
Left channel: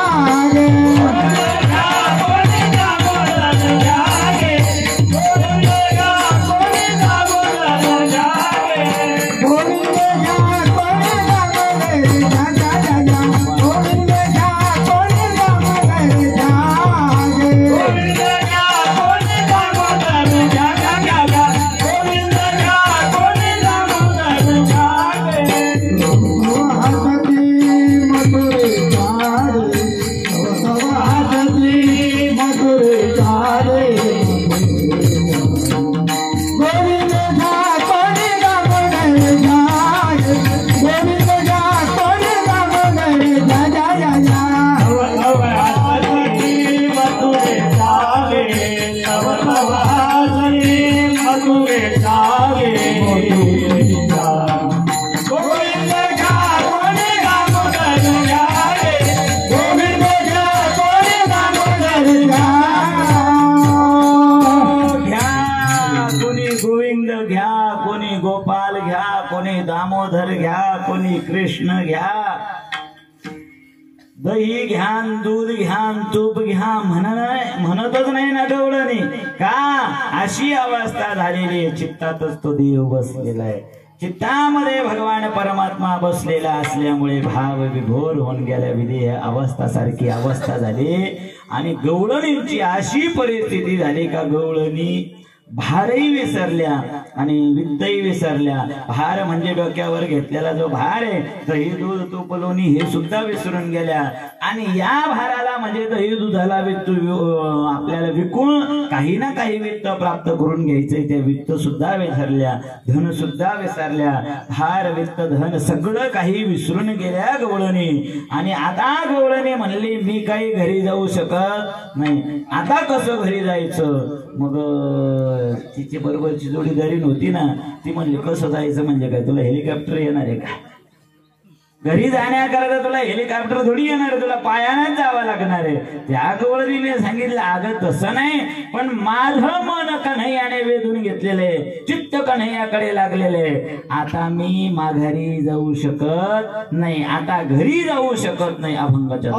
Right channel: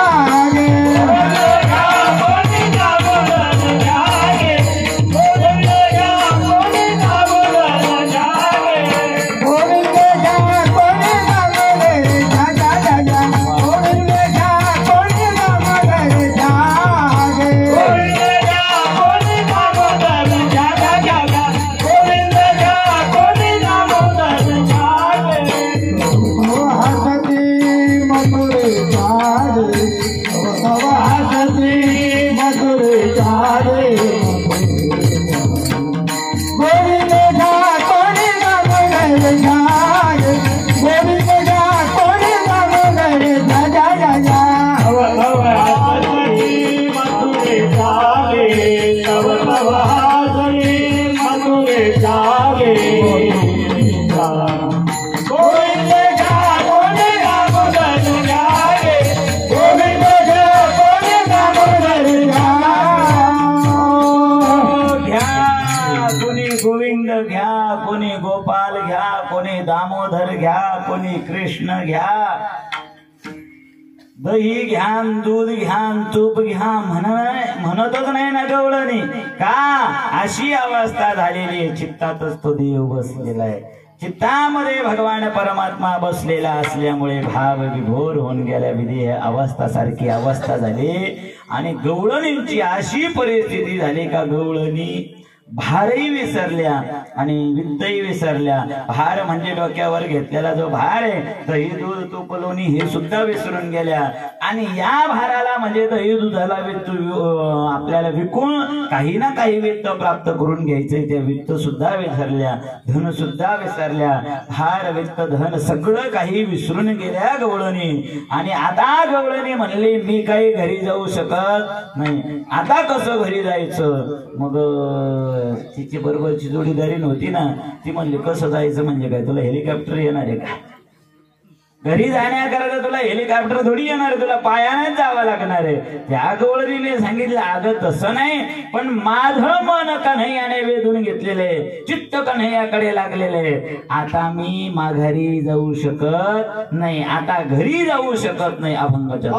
गवळणी कृष्ण घ्या, दही घ्या, दूध घ्या, तूप घ्या म्हणतच नाही ना गवळणी. का अशी अवस्था झालेली आहे. चित्तातच तो देव बसलेला आहे. चित्तामध्ये भगवान परमात्मा बसलेला असल्यामुळे भाव विभोर होऊन गेल्या. विधेय अवस्था सारखी अवस्था झाली. आणि गवळणींची अशी परिस्थिती झाली का गवळणी भारही विसरल्या आणि विद्याही विसरल्या. भार म्हणजे डोक्यावर घेतलेला जो भार आहे, दही दूध तूप लोणी हे सुद्धा विसरून गेल्या. आणि या भाराला म्हणजे दही दुधाला आपल्याला विकून काही ना काही वित्त प्राप्त करून घ्यायचंय, ते वित्त सुद्धा विसरल्या, धन सुद्धा विसरल्या. भार वित्त धन सगळं काही विसरून गेल्या गवळणी. आणि आता गवळणी म्हणली मी काही घरी जाऊ शकत नाही. आता कसं घरी जायचं? मग तिची बरोबरची जोडीदारी नव्हती ना, ती म्हणली कसं जायचं म्हणजे काय, तुला हेलिकॉप्टर येणार आहे का? घरी जाण्याकरता तुला हेलिकॉप्टर थोडी येणार, तुला पायानेच जावं लागणार आहे. त्या गवळणीने सांगितलं अगं तसं नाही, पण माझं मन कन्हैयाने वेधून घेतलेले, चित्त कन्हैयाकडे लागलेले. आता मी माघारी जाऊ शकत नाही, आता घरी जाऊ शकत नाही. अभंगाच्या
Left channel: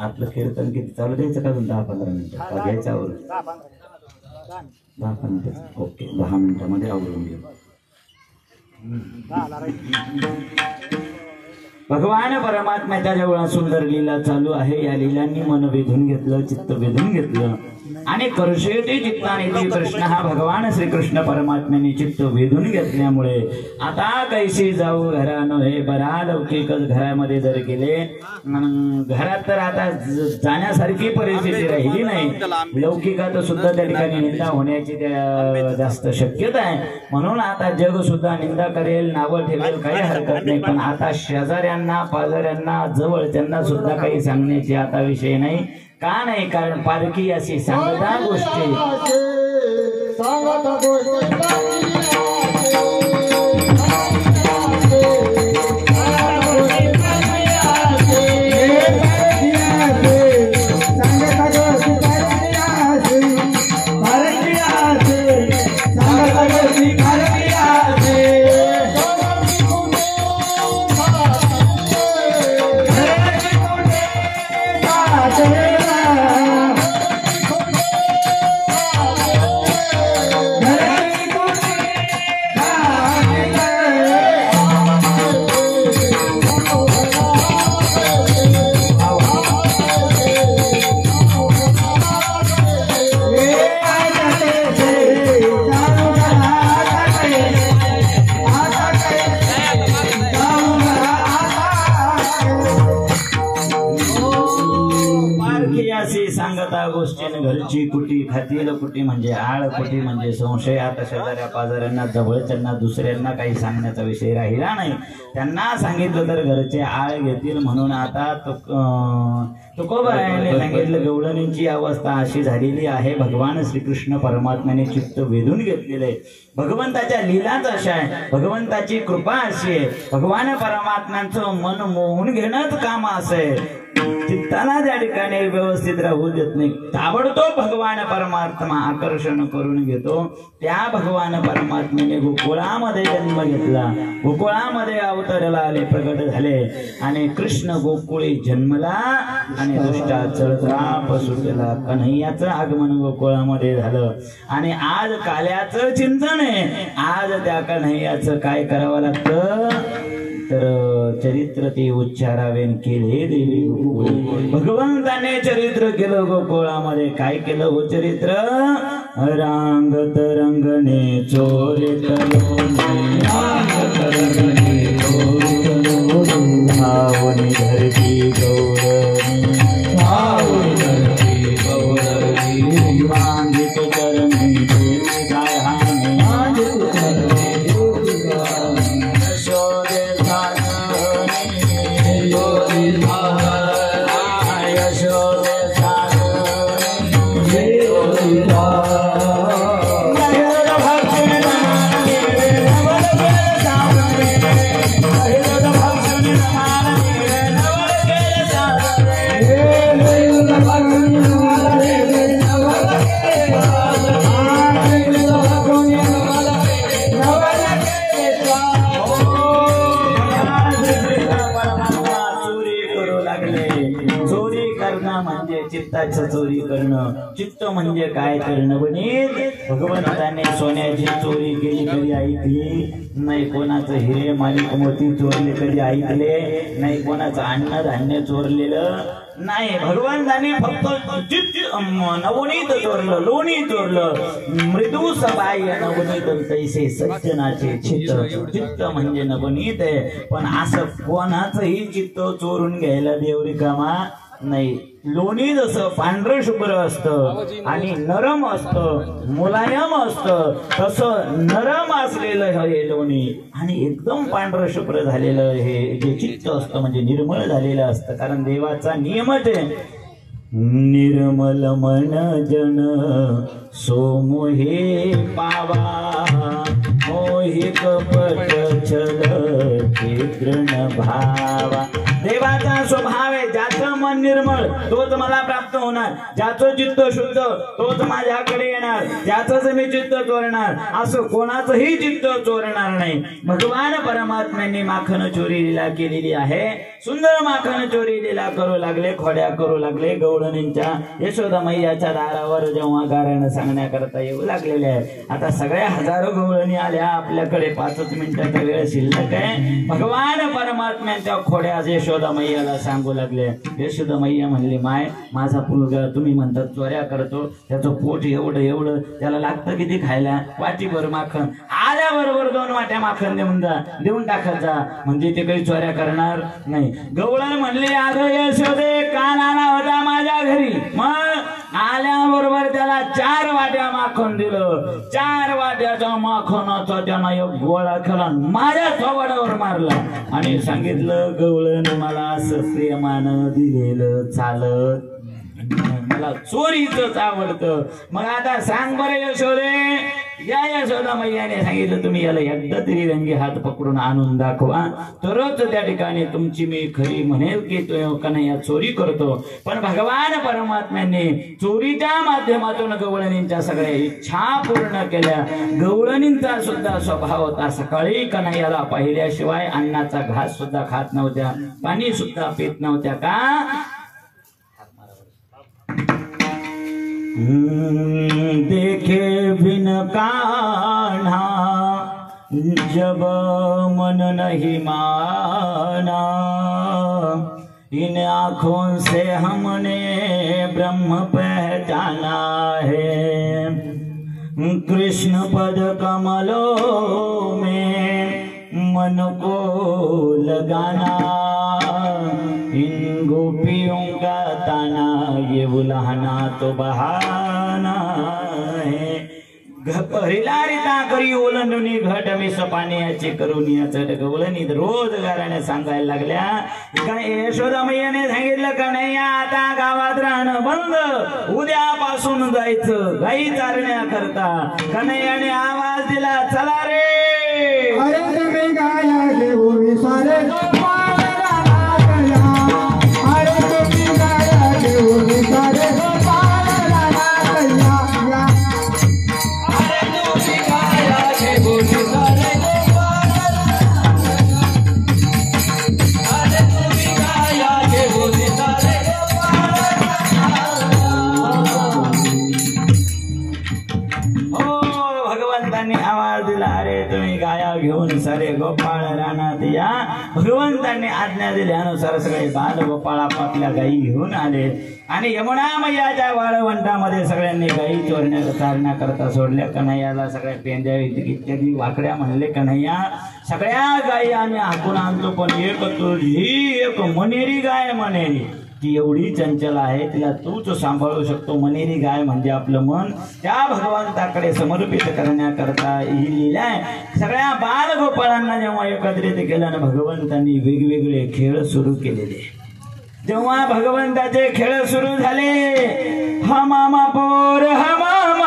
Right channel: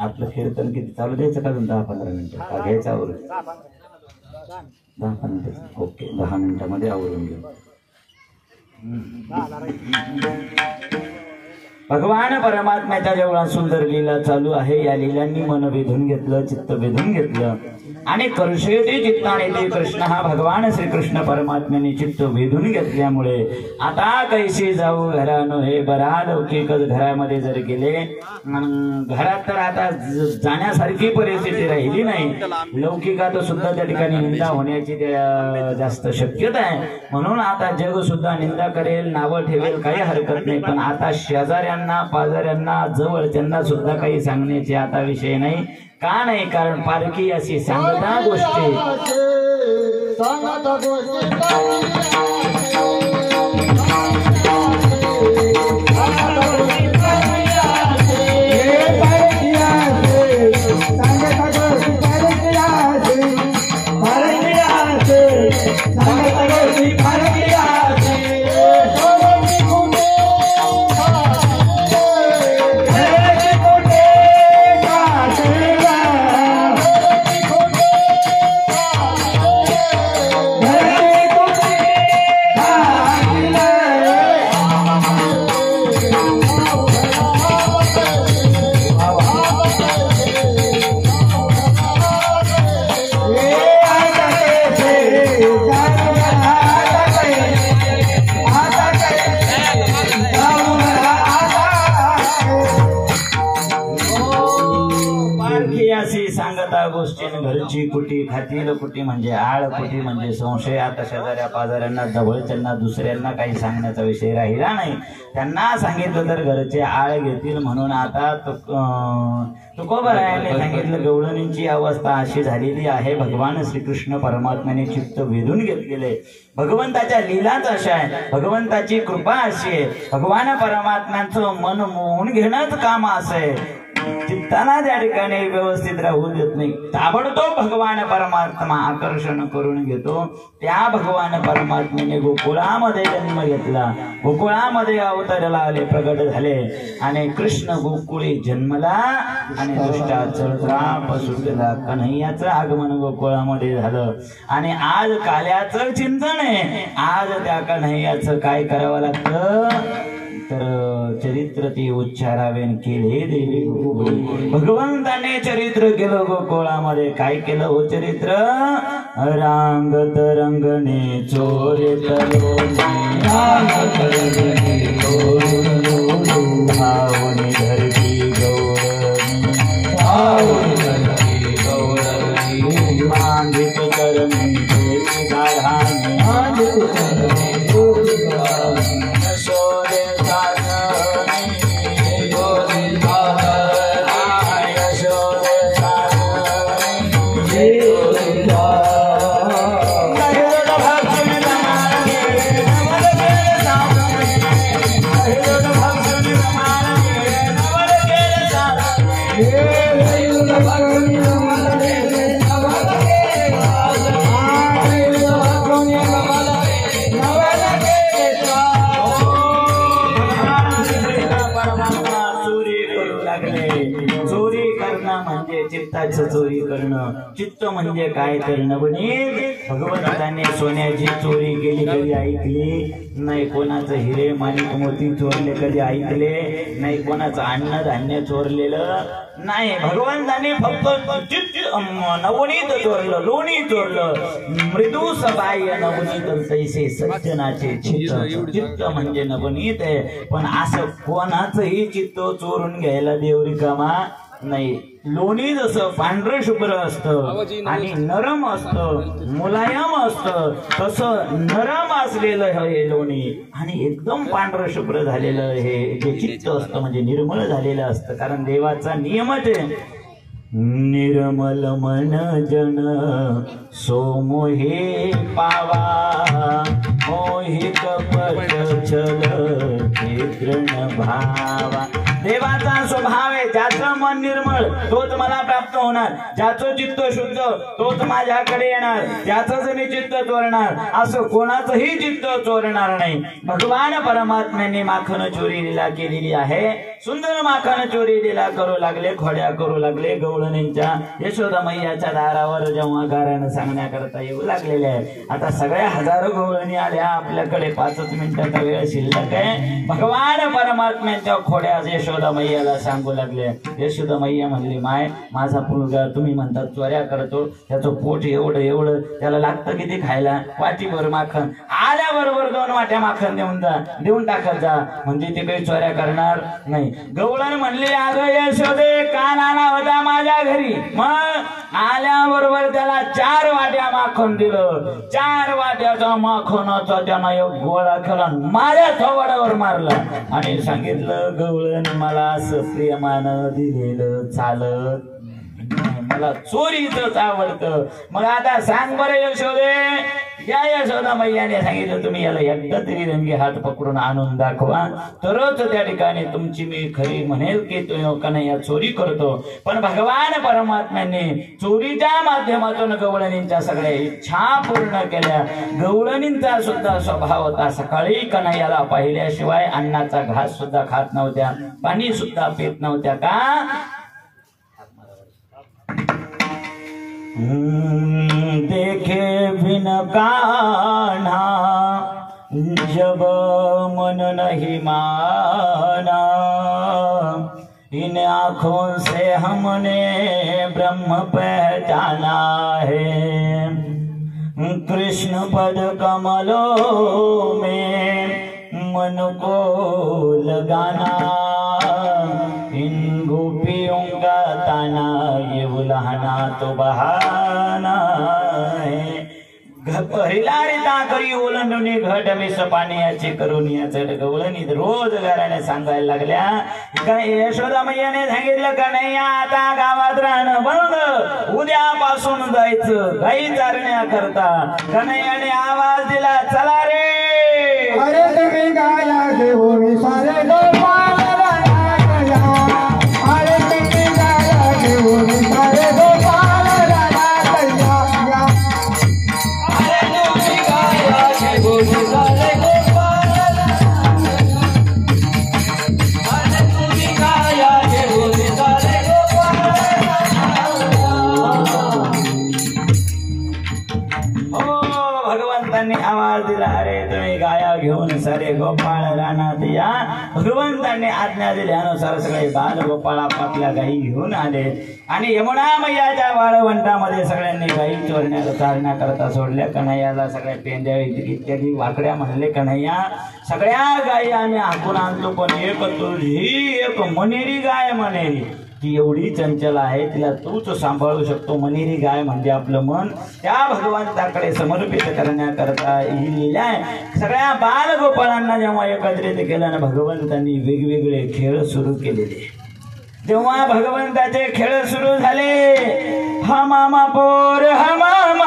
आपलं कीर्तन किती चालू द्यायचं का? 10-15 मिनिटं का घ्यायचं आवरून? 10 मिनिटं. ओके, 10 मिनिटामध्ये आवरून घेऊ. भगवान परमात्म्याच्या जेवढा सुंदर लीला चालू आहे, या लीलांनी मन वेधून घेतलं, चित्त वेधून घेतलं. आणि कर्षयते चित्ताने ते कृष्ण हा भगवान श्रीकृष्ण परमात्म्याने चित्त वेधून घेतल्यामुळे आता कैसे जाऊ घरानो हे बरा लौकिकच घरामध्ये जर गेले, घरात तर आता जाण्यासारखी परिस्थिती राहिली नाही. लौकिकात सुद्धा त्या ठिकाणी निंदा होण्याची जास्त शक्यता आहे. म्हणून आता जग सुद्धा निंदा करेल, नावं ठेवेल, काही हरकत नाही. पण आता शेजाऱ्यांना शेजाऱ्यांना पाजाऱ्यांना जवळच्यांना सुद्धा काही सांगण्याची आता विषय नाही. का नाही? कारण पारखी अशी सांगता गोष्टी घरची कुटी खातील कुटी म्हणजे आळ कुटी म्हणजे संशय. आता शेजाऱ्या पाजाऱ्यांना जवळच्यांना दुसऱ्यांना काही सांगण्याचा विषय राहिला नाही. त्यांना सांगितलं तर घरचे आळ घेतील. म्हणून आता तुकोबारायाने सांगितलं गवळणींची अवस्था अशी झालेली आहे. भगवान श्रीकृष्ण परमात्म्याने चित्त वेधून घेतलेले. भगवंताच्या लीलाच अशा आहे, भगवंताची कृपा अशी आहे. भगवान परमात्म्यांचं मन मोहून घेणंच काम असं आहे. चित्ताला त्या ठिकाणी व्यवस्थित राहू देत नाही. ताबडतोब भगवान परमात्मा आकर्षण करून घेतो. त्या भगवान परमात्म्याने गोकुळामध्ये जन्म घेतला, गोकुळामध्ये अवताराला आले, प्रगट झाले आणि कृष्ण गोकुळी जन्मला आणि दुष्टाचा सुटला. कन्हैयाचं आगमन गोकुळामध्ये झालं आणि आज काल्याचं चिंतन आहे. आज त्या कन्हैयाचं काय करावं लागतं तर चरित्र ते उच्चारावे केले देवी. भगवंताने चरित्र केलं गोकुळामध्ये. काय केलं हो चरित्र? रांगत रंगणे चोरे भावनी धरती गौरणी मांगित करणी चोरी करणं. चित्त म्हणजे काय करणं म्हणे? भगवंताने सोन्याची चोरी केली कधी ऐकली नाही. कोणाचं हिरे माणिक मोती चोरले कधी ऐकले नाही. कोणाचं अन्न धान्य चोरलेलं नाही. भगवंताने फक्त नवनीत चोरलं, लोणी चोरलं. मृदू सबाह्य नवनीत तैसे सज्जनाचे चित्त. चित्त म्हणजे नवनीत आहे. पण असं कोणाचंही चित्त चोरून घ्यायला देव रिकामा नाही. लोणी जसं पांढरं शुभ्र असतं आणि नरम असतं, मुलायम असतं, तसं नरम असलेलं हे लोणी आणि एकदम पांढरं शुभ्र झालेलं हे जे चित्त असतं म्हणजे निर्मळ झालेलं असतं. कारण देवाचा नियमच आहे, निर्मल मन जन सोमोहे पावा, मोहि कपट छल तृण भावा. देवाचा स्वभाव आहे, ज्याचं मन निर्मळ तोच मला प्राप्त होणार, ज्याचं चित्त शुद्ध तोच माझ्याकडे येणार, त्याचंच मी चित्त चोरणार, असं कोणाचंही चित्त चोरणार नाही. भगवान परमात्म्याने माखन चोरी लीला केलेली आहे. सुंदर माखन चोरी लीला करू लागले, खोड्या करू लागले. गवळणींच्या यशोदा मैयाच्या दारावर जेव्हा गाऱ्यानं सांगण्याकरता येऊ लागलेले आहे. आता सगळ्या हजारो गवळणी आल्या, आपल्याकडे 5 मिनिटाचा वेळ शिल्लक आहे. भगवान परमात्म्याच्या खोड्या यशोदा मैयाला सांगू लागले. यशोदा मैया म्हणली, माय माझा मुलगा तुम्ही म्हणतात चोऱ्या करतो, त्याचं पोट एवढं एवढं, त्याला लागतं किती खायला? वाटीभर माखन. आल्याबरोबर 2 वाट्या माखन देऊन टाकत जा, म्हणजे ते काही चोऱ्या करणार नाही. गवळण म्हणली, अगं यशोदे काल आला होता माझ्या घरी, मग आल्याबरोबर त्याला 4 वाट्या माखन दे. दिलं 4 वाट्याचा माखनाचा त्यानं एक गोळा केला माझ्या थोबाडावर मारला आणि सांगितलं गवळण मला असं प्रेमानं दिलेलं चालत मला चोरीच आवडतं. मग आता सांग बरं यशोदे, या यशोदा मैयाने सांगितलं तुम्ही याला एकदा तरी रंगी हात पकडून आणून दाखवा तरच त्या ठिकाणी तुमची मी खरी म्हणेल की तो कन्हैया चोरी करतो. पण भगवान परमात्म्याने चोरीच्या माध्यमातून गवळणींच्या सगळ्या इच्छा पूर्ण केल्या. गवळणींचा सुद्धा स्वभाव होता सकाळी कन्हैयाला पाहिल्याशिवाय अन्नाचा घास सुद्धा खात नव्हत्या, पाणी सुद्धा पित नव्हत्या. का देखे बिन कान्हा जब मन नहीं माना, इन आँखों से हमने ब्रह्म पहचाना है, कृष्ण पद कमलों में मन को लगाना, इन गोपियों का ताना ये बुलाना तो बहाना है. हिलारिता करी ओलंडुनी घट मिस पाण्याची करून याचं गवळणी रोज घराने सांगायला लागल्या. काय यशोदा मैयाने सांगितलं का नाही आता गावात राहणं बंद, उद्यापासून जायचं गाई चारण्याकरता. कन्हैयाने आवाज दिला चला रे, अरे तुम्ही गाया घेऊन सारे गोपाळ रानातया, अरे तुम्ही गाया घेऊन सारे गोपाळ रानातया, अरे तुम्ही गाया घेऊन सारे गोपाळ रानातया, अरे तुम्ही गाया घेऊन सारे गोपाळ रानातया. भगवंतांनी आवाज दिला अरे तुम्ही गाया घेऊन सारे गोपाळ रानात या. भगवंतांनी आज्ञा दिल्यानुसार सगळे बाल गोपाळ आपापल्या गायी घेऊन आले आणि यमुना मैयाच्या वाळवंटामध्ये सगळ्यांनी गायी चारण्याकरता सोडल्या. कन्हैयाला सगळ्या पेंद्या इत्यादी वाकड्या म्हणले कन्हैया सगळ्या गायी आम्ही हाकून आणतो पण एक तुझी एक मनेरी गाय मनेरी ती एवढी चंचल आहे तिला तूच सांभाळू शकतो. मनेरी गाय म्हणजे आपलं मन त्या भगवंताकडे समर्पित करण्याकरता ही लीला आहे. सगळ्या बाल गोपाळांना जेव्हा एकत्रित केलं ना भगवंतांनी वेगवेगळे खेळ सुरू केलेले. जेव्हा भगवंताचे खेळ सुरू झाले हा मामा पोर हा मामा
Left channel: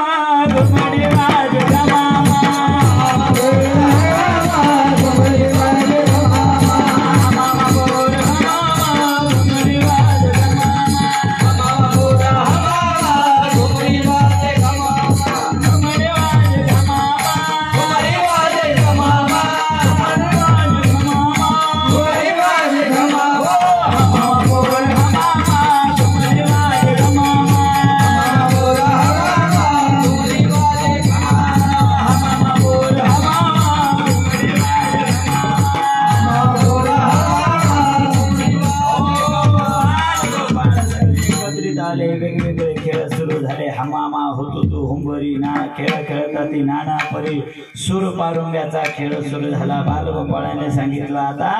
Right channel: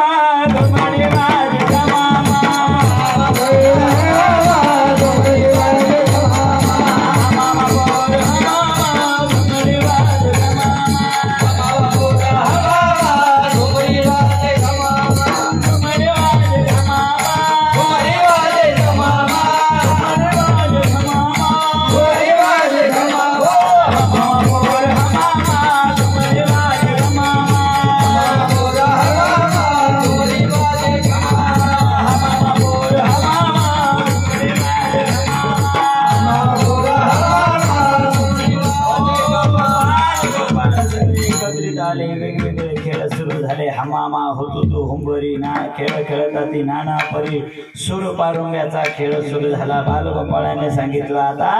वेगवेगळे खेळ सुरू झाले. हमामा हुतुतू हुंबरी नाना खेळ खेळता ती नाना परी सूर पारुंब्याचा खेळ सुरू झाला. बालगोपाळाने सांगितलं आता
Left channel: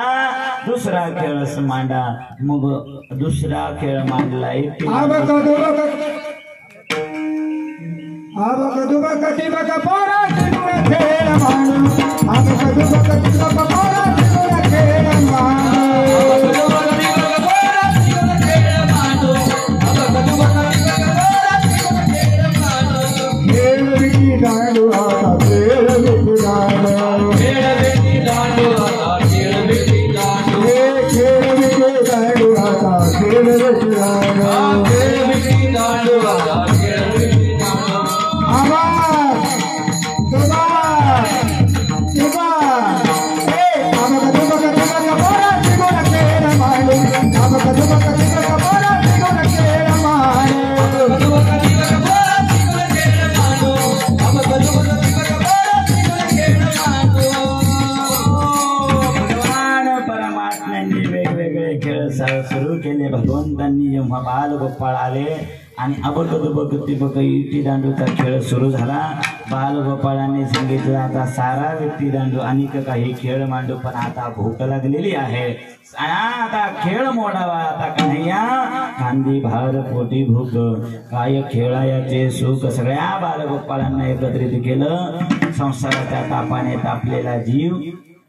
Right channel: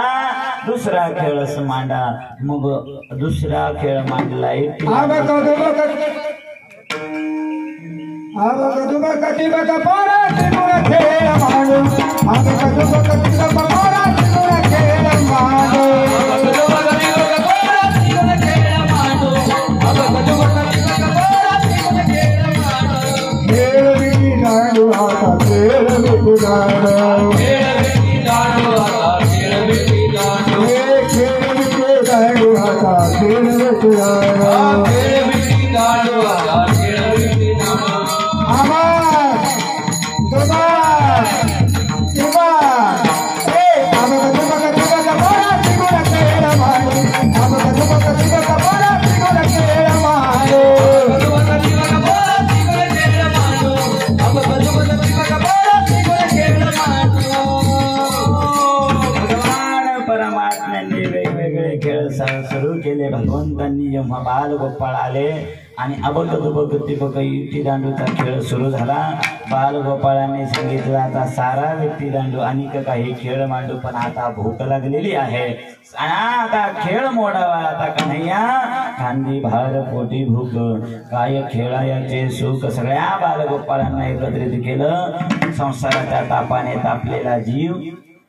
दुसरा खेळच मांडा. मग दुसरा खेळ मांडला. सुरू केले. भगवंतांनी जेव्हा बाल गोपाळ आले आणि अबक विट्टी दांडूचा खेळ सुरू झाला. बाल गोपाळांनी सांगितलं आता सारा विट्टी दांडू आणि काही खेळ मांडू पण आता भूक लागलेली आहे आता खेळ मोडावा. आता कन्हैया खांदी भार पोटी भूक काय खेळायाचे सुख सगळ्या बालगोपाळांना एकत्रित केलं. संसाराच्या तापाने तापलेला जीव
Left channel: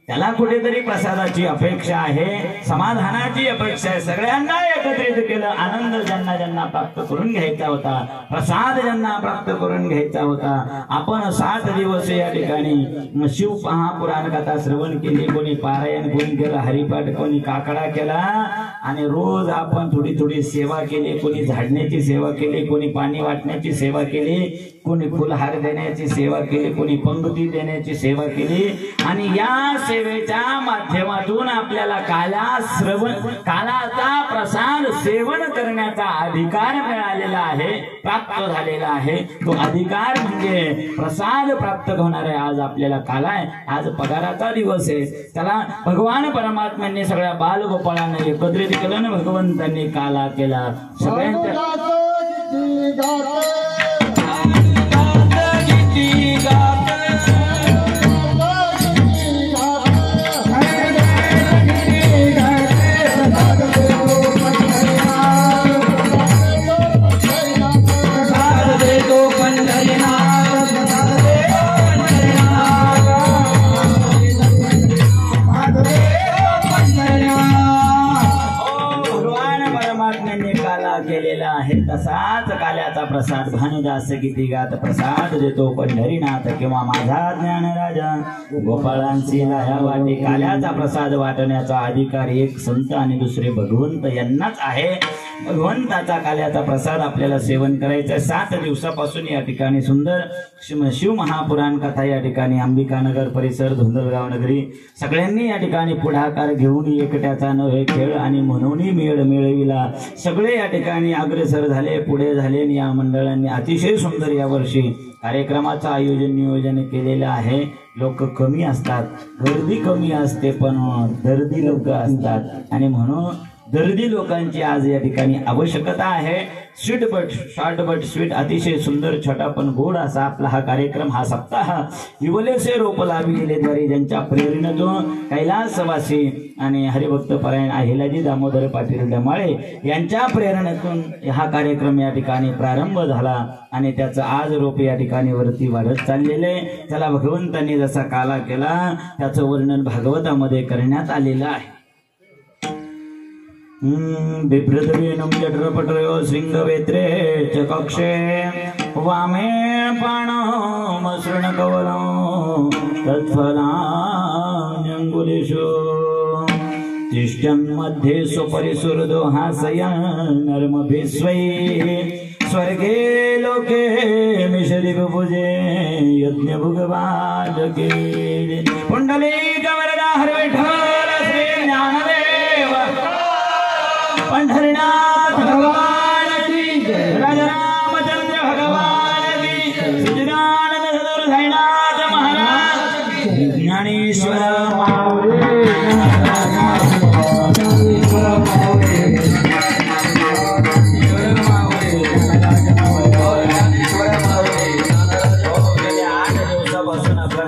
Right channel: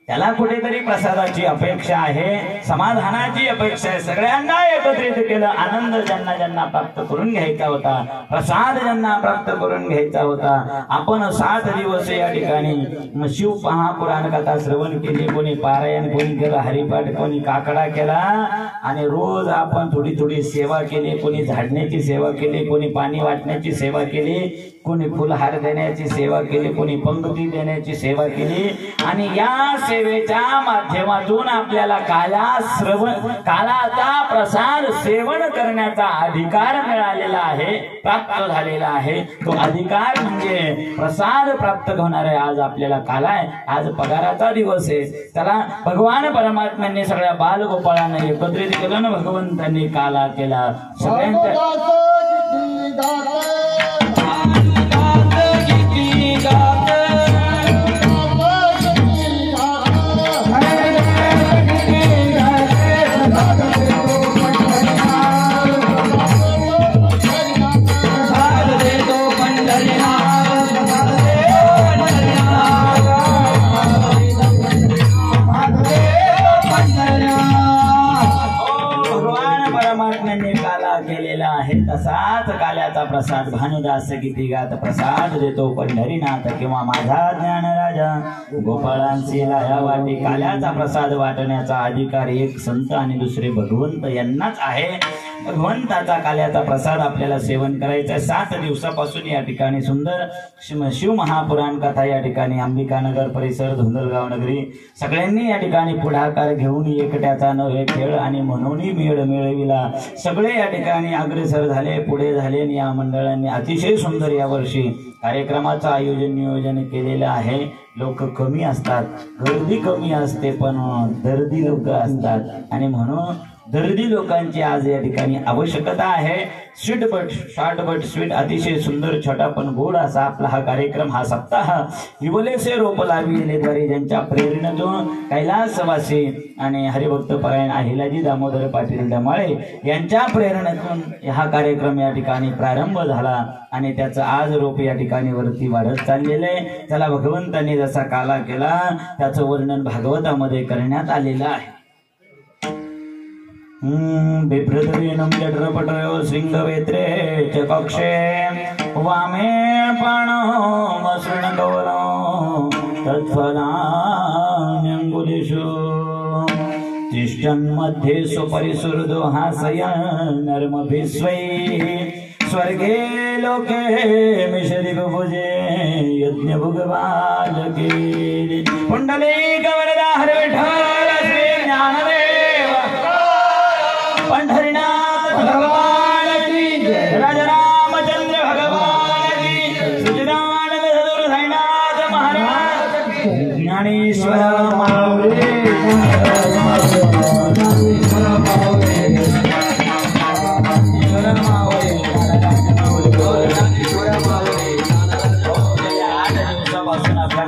त्याला कुठेतरी प्रसादाची अपेक्षा आहे, समाधानाची अपेक्षा आहे. सगळ्यांना एकत्रित केलं. आनंद ज्यांना ज्यांना प्राप्त करून घ्यायचा होता, प्रसाद ज्यांना प्राप्त करून घ्यायचा होता. आपण 7 दिवस या ठिकाणी शिव महापुराण कथा श्रवण केली. कोणी पारायण, कोणी केलं हरिपाठ, कोणी काकडा केला आणि रोज आपण थोडी थोडी सेवा केली. कोणी झाडण्याची सेवा केली, कोणी पाणी वाटण्याची सेवा केली, कोणी फुलहार देण्याची सेवा केली, कोणी पंक्ती देण्याची सेवा केली. आणि या सेवेच्या माध्यमातून आपल्याला कालाचा प्रसाद सेवन करण्याचा अधिकार मिळालेला आहे, प्राप्त झालेला आहे. तो अधिकार म्हणजे प्रसाद प्राप्त होणार आहे. आज आपल्याला काला आहे, आज पगाराचा दिवस आहे. त्याला भगवान परमात्म्यांनी सगळ्या बालगोपाळांना एकत्रित केलं ना, भगवंतांनी काला केला. सगळ्यांच्या तसाच काल्याचा प्रसाद भानुदास किती गात प्रसाद देतो पंढरीनाथ किंवा माझा ज्ञान राजा गोपाळांची लाया वाटे. काल्याचा प्रसाद वाटण्याचा अधिकार एक संत आणि दुसरे भगवंत यांनाच आहे. भगवंताचा काल्याचा प्रसाद आपल्याला सेवन करायचा. 7 दिवसापासून या ठिकाणी सुंदर शिव महापुराण कथा या ठिकाणी अंबिकानगर परिसर धुंदलगाव नगरी सगळ्यांनी या ठिकाणी पुढाकार घेऊन एकट्याचा नव्हे खेळ आणि म्हणून मेळ मिळविला. सगळे या ठिकाणी अग्रेसर झाले, पुढे झाले. या मंडळांनी अतिशय सुंदर या वर्षी कार्यक्रमाचं आयोजन नियोजन केलेलं आहे. लोक कमी असतात, गर्दी कमी असते, पण दर्दी लोक असतात आणि म्हणून दर्दी लोकांची आज या ठिकाणी आवश्यकता आहे. Sweet but short but sweet अतिशय सुंदर छोटा पण गोड असा आपला हा कार्यक्रम, हा सप्ताह विवलेसे रोप लाविलेद्वारे ज्यांच्या प्रेरणेतून कैलासवासी आणि हरिभक्त परायण अहिल्याजी दामोदर पाटील डमाळे यांच्या प्रेरणेतून हा कार्यक्रम या ठिकाणी प्रारंभ झाला आणि त्याचं आज रोप या ठिकाणी वरती वाढत चाललेलं आहे. त्याला भगवंतांनी जसा काला केला त्याचं वर्णन भागवतामध्ये करण्यात आलेलं आहे. बिभ्रतवेणं जठरपटरयो शृंगवेत्रे च कक्षे वामे प्राणमसृणकवलं तत्फलान्यङ्गुलिषु तिष्ठन्मध्ये स्वपरिसुहृदो हासयन् नर्मभिस्वै स्वर्गे लोके मिश्री बुभुजे यज्ञभुगवाजके पुंडलीक वरदा हरे विठ्ठल श्री ज्ञानदेव पंढरीनाथ भगवान की जय. रामचंद्र भगवान की सुजनानंद सद्गुरु साईनाथ महाराज ज्ञानेश्वर माऊली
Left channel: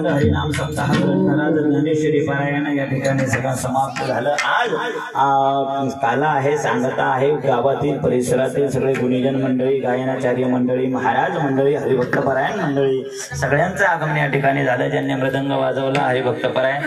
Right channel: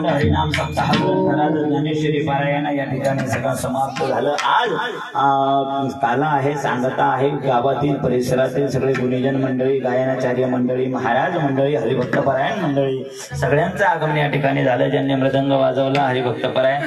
हरिनाम सप्ताह ज्ञानेश्वरी पारायण या ठिकाणी सगळं समाप्त झालं. आज काला आहे, सांगता आहे. गावातील परिसरातील सगळे गुणीजन मंडळी, गायनाचार्य मंडळी, महाराज मंडळी, हरिभक्त परायण मंडळी सगळ्यांचं आगमन या ठिकाणी झालं. ज्यांनी मृदंग वाजवला हरिभक्त परायण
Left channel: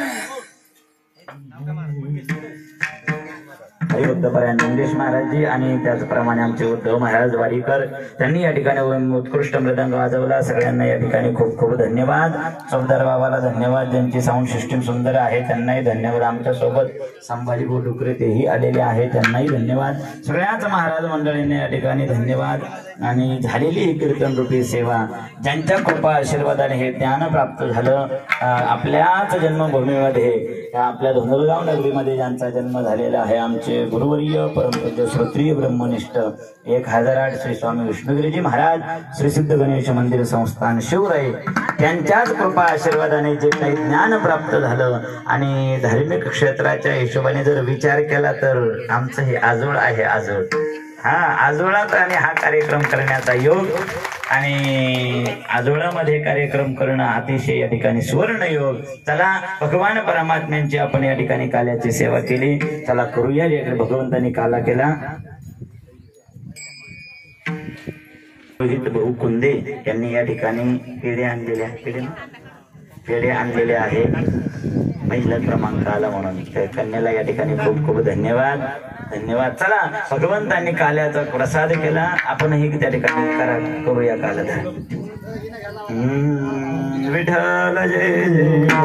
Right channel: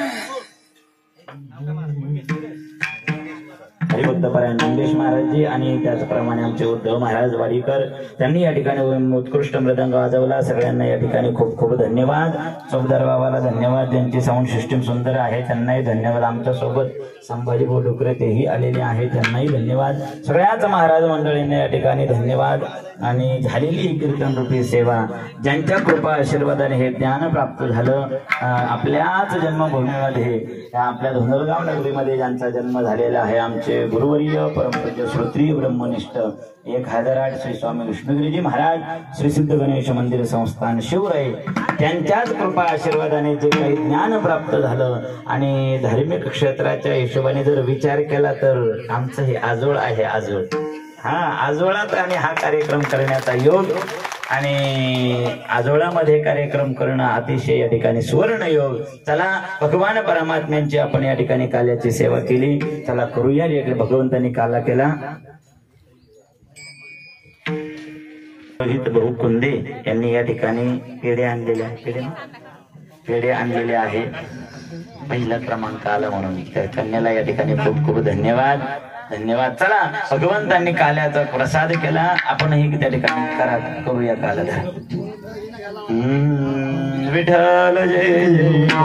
हरिभक्तपरायण नंदेश महाराजजी आणि त्याचप्रमाणे आमचे उद्धव महाराज वाडीकर त्यांनी या ठिकाणी उत्कृष्ट मृदंग वाजवला. सगळ्यांना या ठिकाणी खूप खूप धन्यवाद. चौदार बाबाला धन्यवाद, ज्यांची साऊंड सिस्टीम सुंदर आहे त्यांनाही धन्यवाद. आमच्या सोबत संभाजी डुकरे तेही आलेले आहेत, त्यांनाही धन्यवाद. सगळ्याच महाराज मंडळींना या ठिकाणी धन्यवाद. आणि झालेली ही कीर्तन रूपी सेवा ज्यांच्या कृपा आशीर्वादाने हे ज्ञान प्राप्त झालं, आपल्याच जन्मभूमीमध्ये आपल्या धुंदलगाव नगरीमध्ये ज्यांचा जन्म झालेला आहे, आमचे गुरुवर्य परमपूज्य श्रोत्रिय ब्रह्मनिष्ठ 1008 श्री स्वामी विष्णुगिरीजी महाराज श्री सिद्ध गणेश मंदिर संस्थान शिवराई त्यांच्याच कृपा आशीर्वादाने जे काही ज्ञान प्राप्त झालं आणि धार्मिक क्षेत्राच्या हिशोबाने जर विचार केला तर आमचं हे आजोळ आहे. आजोळात आणि हा कार्यक्रम करण्याचा योग आणि आजोळामध्ये कार्यक्रम करणं अतिशय या ठिकाणी सुवर्ण योग. चला भगवान परमात्म्यांची आपण या ठिकाणी काल्याची सेवा केली. चला करूया. भगवंतांनी काला केला. रोहित भाऊ कुंदे यांनी या ठिकाणी पेढे आणलेले आहे पहिला क्रमांक आला म्हणून तर कन्याला या ठिकाणी खूप खूप धन्यवाद. चला भगवंतांनी काल्याचा प्रसाद केला आपणही त्या ठिकाणी करूया काल्याचा. विठ्ठल जय विठ्ठल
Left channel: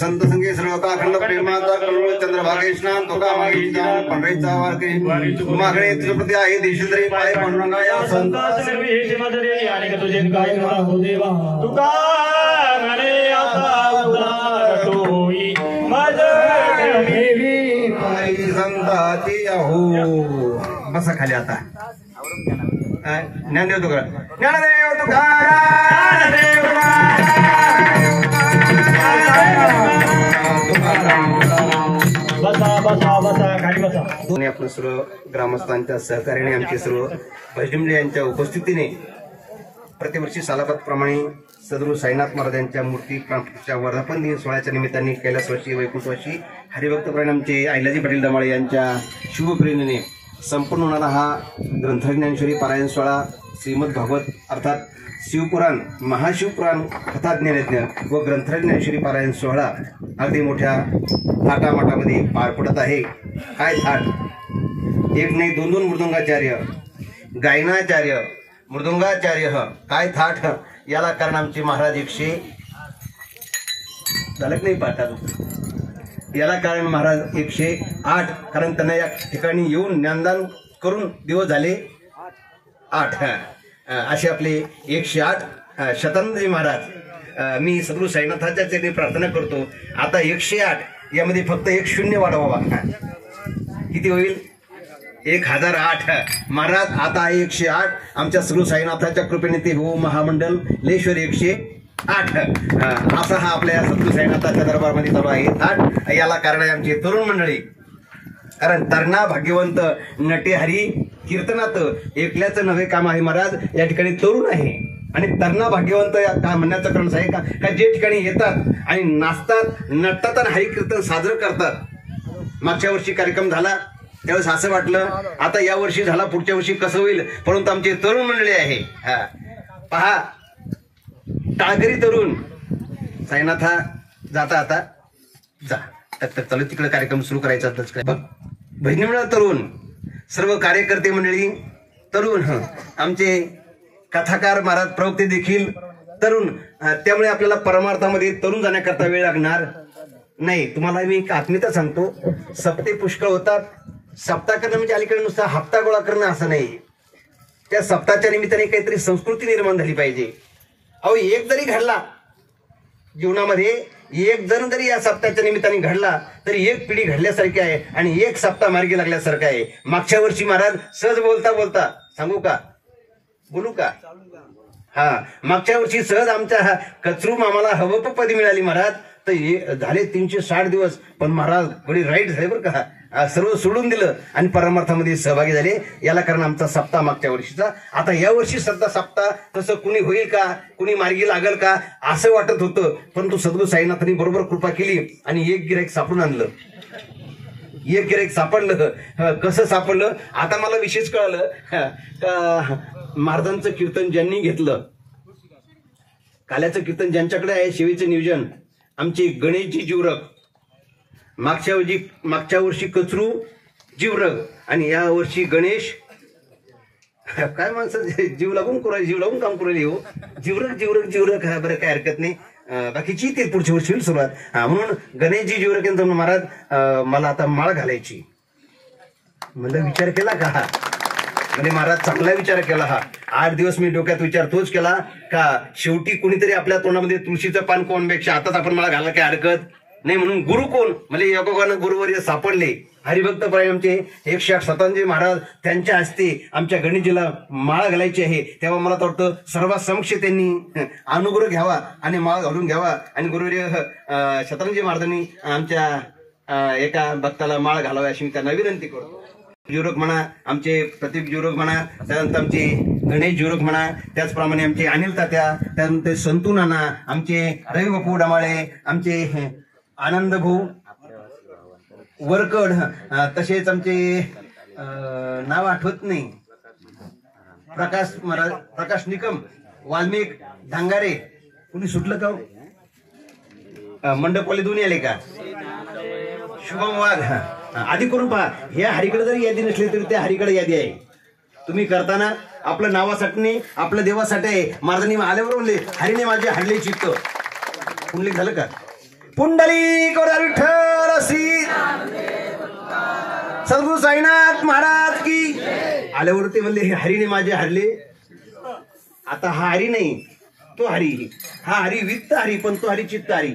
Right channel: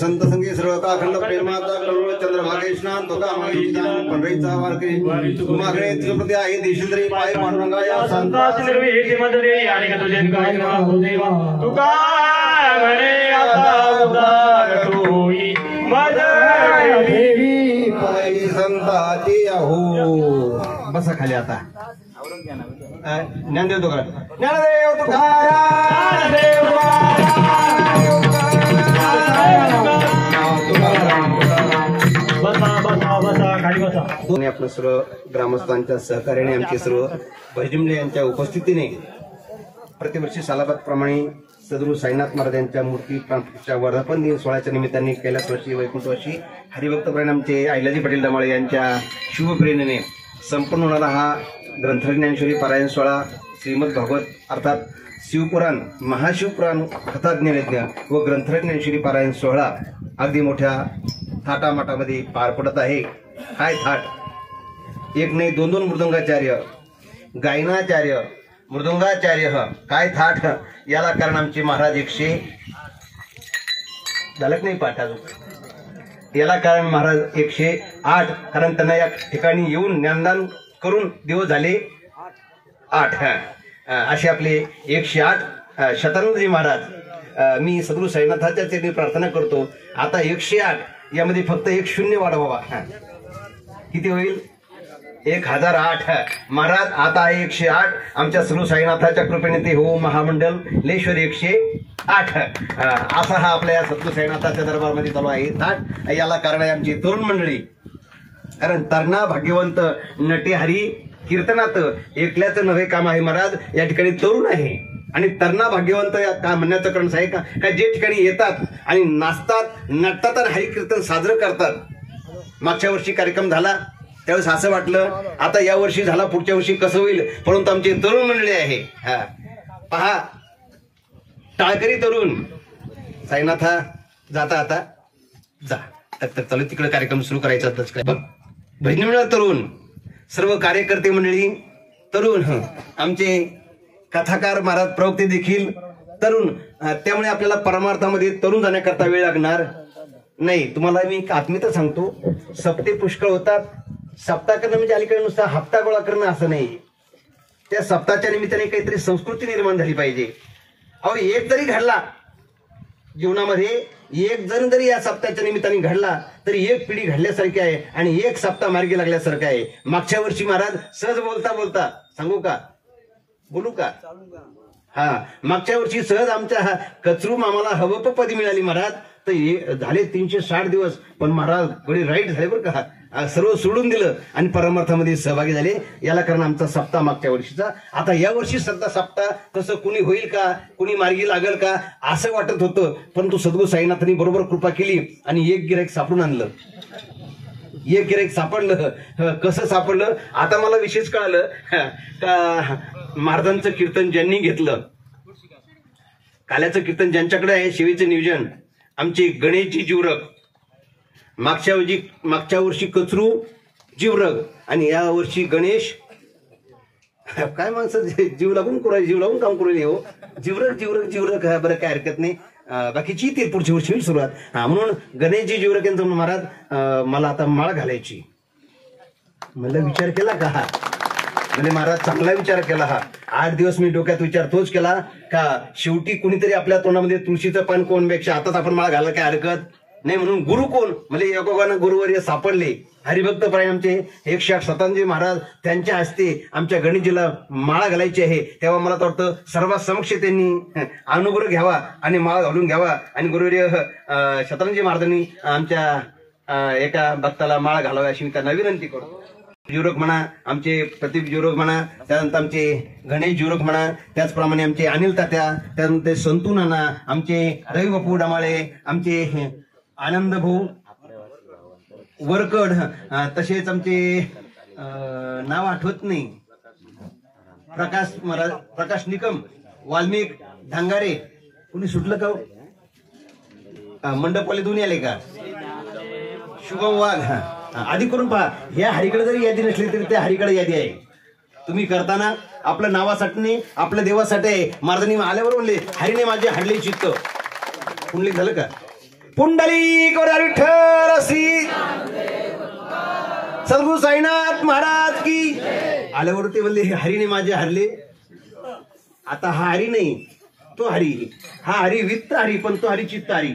संत संगे सर्वकाखंड प्रेमाचा करुण चंद्रभागे स्नान तुका मागे स्नान पंढरीचा वारकरी मागणे तिरुपती आहे देशेंद्री पाय पांडुरंगा या संतास निर्वी हे मदरे आणि तुझे काय हो देवा तुका म्हणे आता उदार होई मदर देवी पायी संता ते हो बसा खाली आता ज्ञानदेव तुकाराम ज्ञानदेव तुकाराम आपण सर्व ग्रामस्थांच्या सहकार्याने आमचे सर्व भजनिमले यांच्या उपस्थितीने प्रतिवर्षी सालाबादप्रमाणे सद्गुरू साईनाथ महाराज यांच्या मूर्ती प्राणप्रतिष्ठा वर्धापन दिन सोहळ्याच्या निमित्ताने कैलासवासी वैकुंठवासी हरिभक्तपरायण आमचे आईलाजी पाटील दमाळे यांच्या शुभप्रेरणेने संपन्न होणारा हा ग्रंथज्ञानेश्वरी पारायण सोहळा श्रीमद भागवत अर्थात शिवपुराण महाशिवपुराण कथाज्ञानयज्ञ व ग्रंथज्ञानेश्वरी पारायण सोहळा अगदी मोठ्या थाटामाटामध्ये पार पडत आहे. काय थाट, एक नाही दोन दोन मृदंगाचार्य, गायनाचार्य, मृदंगाचार्य, काय थाट. याला कारण आमचे महाराज 100 झालं नाही पाठ. याला कारण महाराज 108, कारण त्यांना या ठिकाणी येऊन ज्ञानदान करून दिवस झाले 8. असे आपले 108 शतानंदजी महाराज. मी सद्गुरू साईनाथाच्या चरणी प्रार्थना करतो आता 108 यामध्ये फक्त 1 शून्य वाढवावा. किती होईल? 1008. महाराज आता आहे 108. आमच्या सद्गुरू साईनाथाच्या कृपेने ते हो महामंडल लेश्वर 108. असा हा आपल्या सद्गुरू साईनाथाच्या दरबारमध्ये चालू आहे थाट. याला कारण आहे आमची तरुण मंडळी. कारण तरणा भाग्यवंत नटे हरी कीर्तनात एकल्याचं नवे काम आहे. महाराज या ठिकाणी तरुण आहे आणि तरणा भाग्यवंत का म्हणण्याचं कारण आहे का जे ठिकाणी येतात आणि नाचतात, नटतात आणि हरिकीर्तन साजरं करतात. मागच्या वर्षी कार्यक्रम झाला त्यावेळेस असं वाटलं आता या वर्षी झाला पुढच्या वर्षी कसं होईल, परंतु आमची तरुण मंडळी आहे. पहा टाळकरी तरुण साईनाथा जाता आता जा चालू तिकडे कार्यक्रम सुरू करायचा. भजनी तरुण, सर्व कार्यकर्ते मंडळी तरुण, आमचे कथाकार महाराज प्रवक्ते देखील तरुण. त्यामुळे आपल्याला परमार्थामध्ये तरुण जाण्याकरता वेळ लागणार नाही. तुम्हाला मी एक आत्मीयता सांगतो, सप्ते पुष्कळ होतात. सप्ताह करणं म्हणजे अलीकडे नुसता हप्ता गोळा करणं असं नाही. त्या सप्ताहाच्या निमित्ताने काहीतरी संस्कृती निर्माण झाली पाहिजे. अहो एक जरी घडला जीवनामध्ये, एक जण जरी या सप्ताहाच्या निमित्ताने घडला तरी एक पिढी घडल्यासारखी आहे आणि एक सप्ताह मार्गी लागल्यासारखं आहे. मागच्या वर्षी महाराज सहज बोलता बोलता सांगू का, बोलू का? मागच्या वर्षी सहज आमच्या कचरू मामाला हवपदी मिळाली महाराज. तर झाले 360 दिवस, पण महाराज बडी राईट झाले बरं का. सर्व सोडून दिलं आणि परमार्थामध्ये सहभागी झाले. याला कारण आमचा सप्ताह मागच्या वर्षीचा. आता या वर्षी सध्या सप्ताह तसं कुणी होईल का, कुणी मार्गी लागल का असं वाटत होतं, परंतु सद्गुरू साईनाथांनी बरोबर कृपा केली आणि एक गिऱ्हाईक सापडून आणलं. एक गिऱ्हाईक सापडलं. कसं सापडलं आता मला विशेष कळालं का महाराजांचं कीर्तन ज्यांनी घेतलं, काल्याचं कीर्तन ज्यांच्याकडे आहे, शिवेचं नियोजन आमचे गणेशजी जीवरग, मागच्या वर्षी कचरू जीवरग आणि या वर्षी गणेश. काय माणसं जीव लागून काम करू हो. जीवरग बरं काय हरकत नाही. बाकीची ते पुढच्या वर्षी होईल सुरुवात. म्हणून गणेशजी जीवरग यांचं महाराज मला आता माळ घालायची. म्हणलं विचार केला का? म्हणजे महाराज चांगला विचार केला. 8 दिवस मी डोक्यात विचार तोच केला का शेवटी कोणीतरी आपल्या तोंडामध्ये तुळशीचं पान कोणपेक्षा आताच आपण माळा घाला काय हरकत नाही. म्हणून गुरु कोण म्हणजे योगानं गुरुवर्य सापडले. हरिभक्त परायण आमचे 108 शतानंदजी महाराज त्यांच्या हस्ते आमच्या गणेशजीला माळा घालायची आहे. तेव्हा मला तर वाटतं सर्वांसमक्ष त्यांनी अनुग्रह घ्यावा आणि माळा घालून घ्यावा. आणि गुरुवर्य शतानंदजी महाराजांनी आमच्या एका भक्ताला माळा घालावी अशी मी त्यांना विनंती करतो. जुरोग म्हणा, आमचे प्रदीप जुरोग म्हणा, त्यानंतर आमचे गणेश जुरोग म्हणा, त्याचप्रमाणे आमचे अनिल तात्या, त्यानंतर संतू नाना, आमचे रवी बापू डमाळे, आमचे आनंद भाऊ वरकड, तसेच आमचे नाव आठवत नाही, प्रकाश निकम, वाल्मिक धांगारे, कुणी सुटलं का? मंडपवाले दोन्ही आले का? शुभम वाघ. आधी करून पहा. ह्या हरीकडे जरी यादी नसली तरी त्या हरीकडे यादी आहे. तुम्ही करताना आपल्या नावासाठी नाही, आपल्या देवासाठी आहे. महाराजांनी आल्यावर बोलले हरीने माझे हडले चित्त. पुंडलिक झालं का? पुंडलिक विठ्ठल श्री सद्गुरू साईनाथ महाराज की. आल्यावर ते म्हणले हरीने माझे हरले. आता हा हरी नाही, तो हरी. हा हरी वित्त हरी, पण तो हरी चित्त हरी,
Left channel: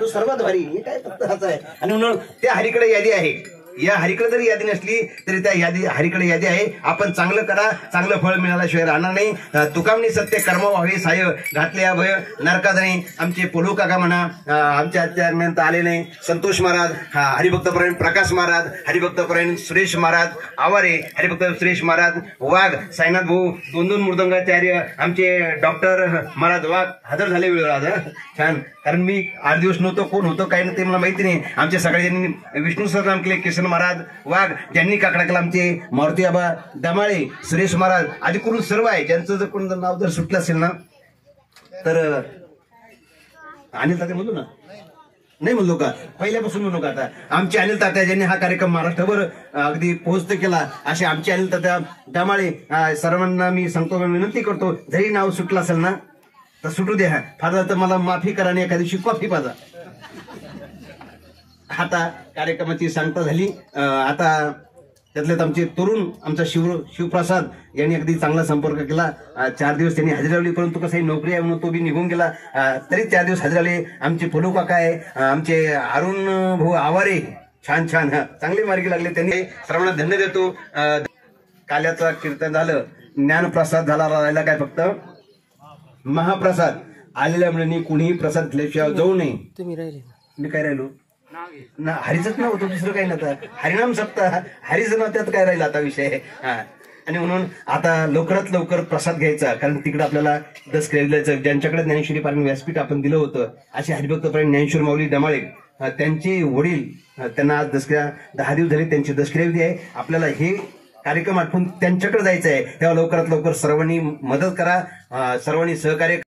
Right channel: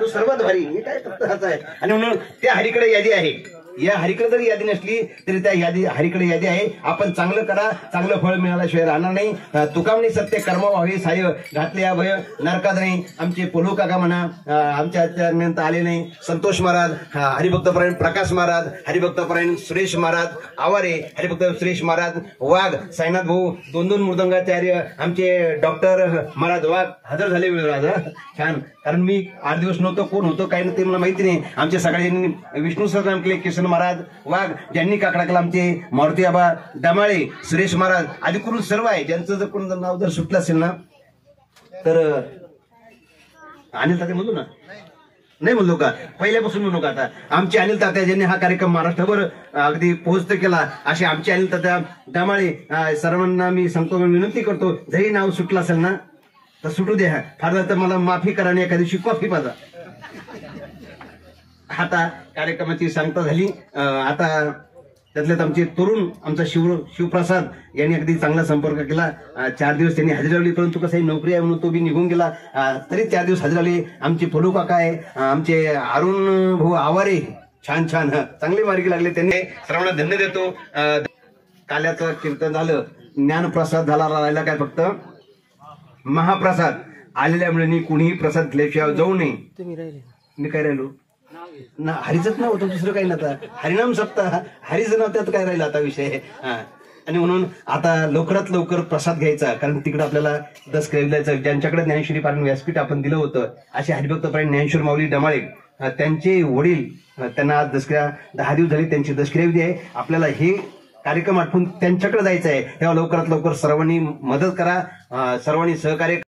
तो सर्वात भारी. हे काय फक्त हाच आहे. आणि म्हणून त्या हरीकडे यादी आहे. या हरीकडे जरी यादी नसली तरी त्या यादी हरीकडे यादी आहे. आपण चांगलं करा, चांगलं फळ मिळाल्याशिवाय राहणार नाही. तुकामणी सत्य कर्म व्हावे साय घातले अभय नरकात नाही. आमचे पोलू काका म्हणा, आमच्या आचार्यानंतर आले नाही, संतोष महाराज, हरिभक्तपरायण प्रकाश महाराज, हरिभक्तपरायण सुरेश महाराज आवारे, हरिभक्त सुरेश महाराज वाघ, साईनाथ भाऊ, 2 मृदंगाचार्य, आमचे डॉक्टर महाराज वाघ हजर झाले वेळ आज. छान, कारण मी 8 दिवस नव्हतो, कोण होतं काय नाही ते मला माहिती नाही. आमचे सगळे ज्यांनी विष्णू सरनाम केले, किशन महाराज वाघ, ज्यांनी काकडा केला आमचे मारुती आबा डमाळे, सुरेश महाराज आदी करून सर्व आहे. ज्यांचं जर कोण नाव जर सुटलं असेल ना तर अनिल तात्या म्हणतो ना, नाही म्हणलो का, पहिल्यापासून म्हणू का. आता आमचे अनिल तात्या ज्यांनी हा कार्यक्रम महाराष्ट्रभर अगदी पोहोचत केला, असे आमचे अनिल तात्या डमाळे सर्वांना मी सांगतो, विनंती करतो, जरी नाव सुटलं असेल ना तर सुटू द्या. फार तर मला माफी करा आणि एखाद्या दिवशी कॉफी पाजा. आता कार्यक्रमाची सांगता झाली. आता त्यातल्यात आमचे तरुण, आमचा शिवप्रसाद यांनी अगदी चांगला संपर्क केला. 4 दिवस त्यांनी हजेरी लावली, परंतु कसं नोकरी आहे म्हणून तो बी निघून गेला. तरी 4 दिवस हजेरी लावले. आमचे पोलू काका आहे, आमचे अरुण भाऊ आवारे, छान छान चांगली मार्गी लागले त्यांनी. सर्वांना धन्य देतो. काल्याचं कीर्तन झालं, ज्ञानप्रसाद झाला, राहिला काय फक्त महाप्रसाद. आलेल्या मुलांनी कुणीही प्रसाद घेतल्याशिवाय जाऊ नये. तुम्ही राहिले मी काय राहिलो ना, हरीचंच नाव होतं, दुसरं काही नव्हतं. हरिनाम सप्ताह, हरीचं नाव त्यात काय राहिलं आता विषय. आणि म्हणून आता लवकरात लवकर प्रसाद घ्यायचा, कारण तिकडे आपल्याला दसक्रिया द्यायचं. ज्यांच्याकडे ज्ञानेश्वरी पारायण व्यासपीठ आपण दिलं होतं, असे हरिभक्तपरायण ज्ञानेश्वर माऊली डमाळे, त्यांचे वडील, त्यांना आज दसक्रिया 10 दिवस झाले, त्यांची दसक्रिया आहे. आपल्याला हे कार्यक्रम आठवून त्यांच्याकडे जायचं आहे. तेव्हा लवकरात लवकर सर्वांनी मदत करा, सर्वांनी सहकार्य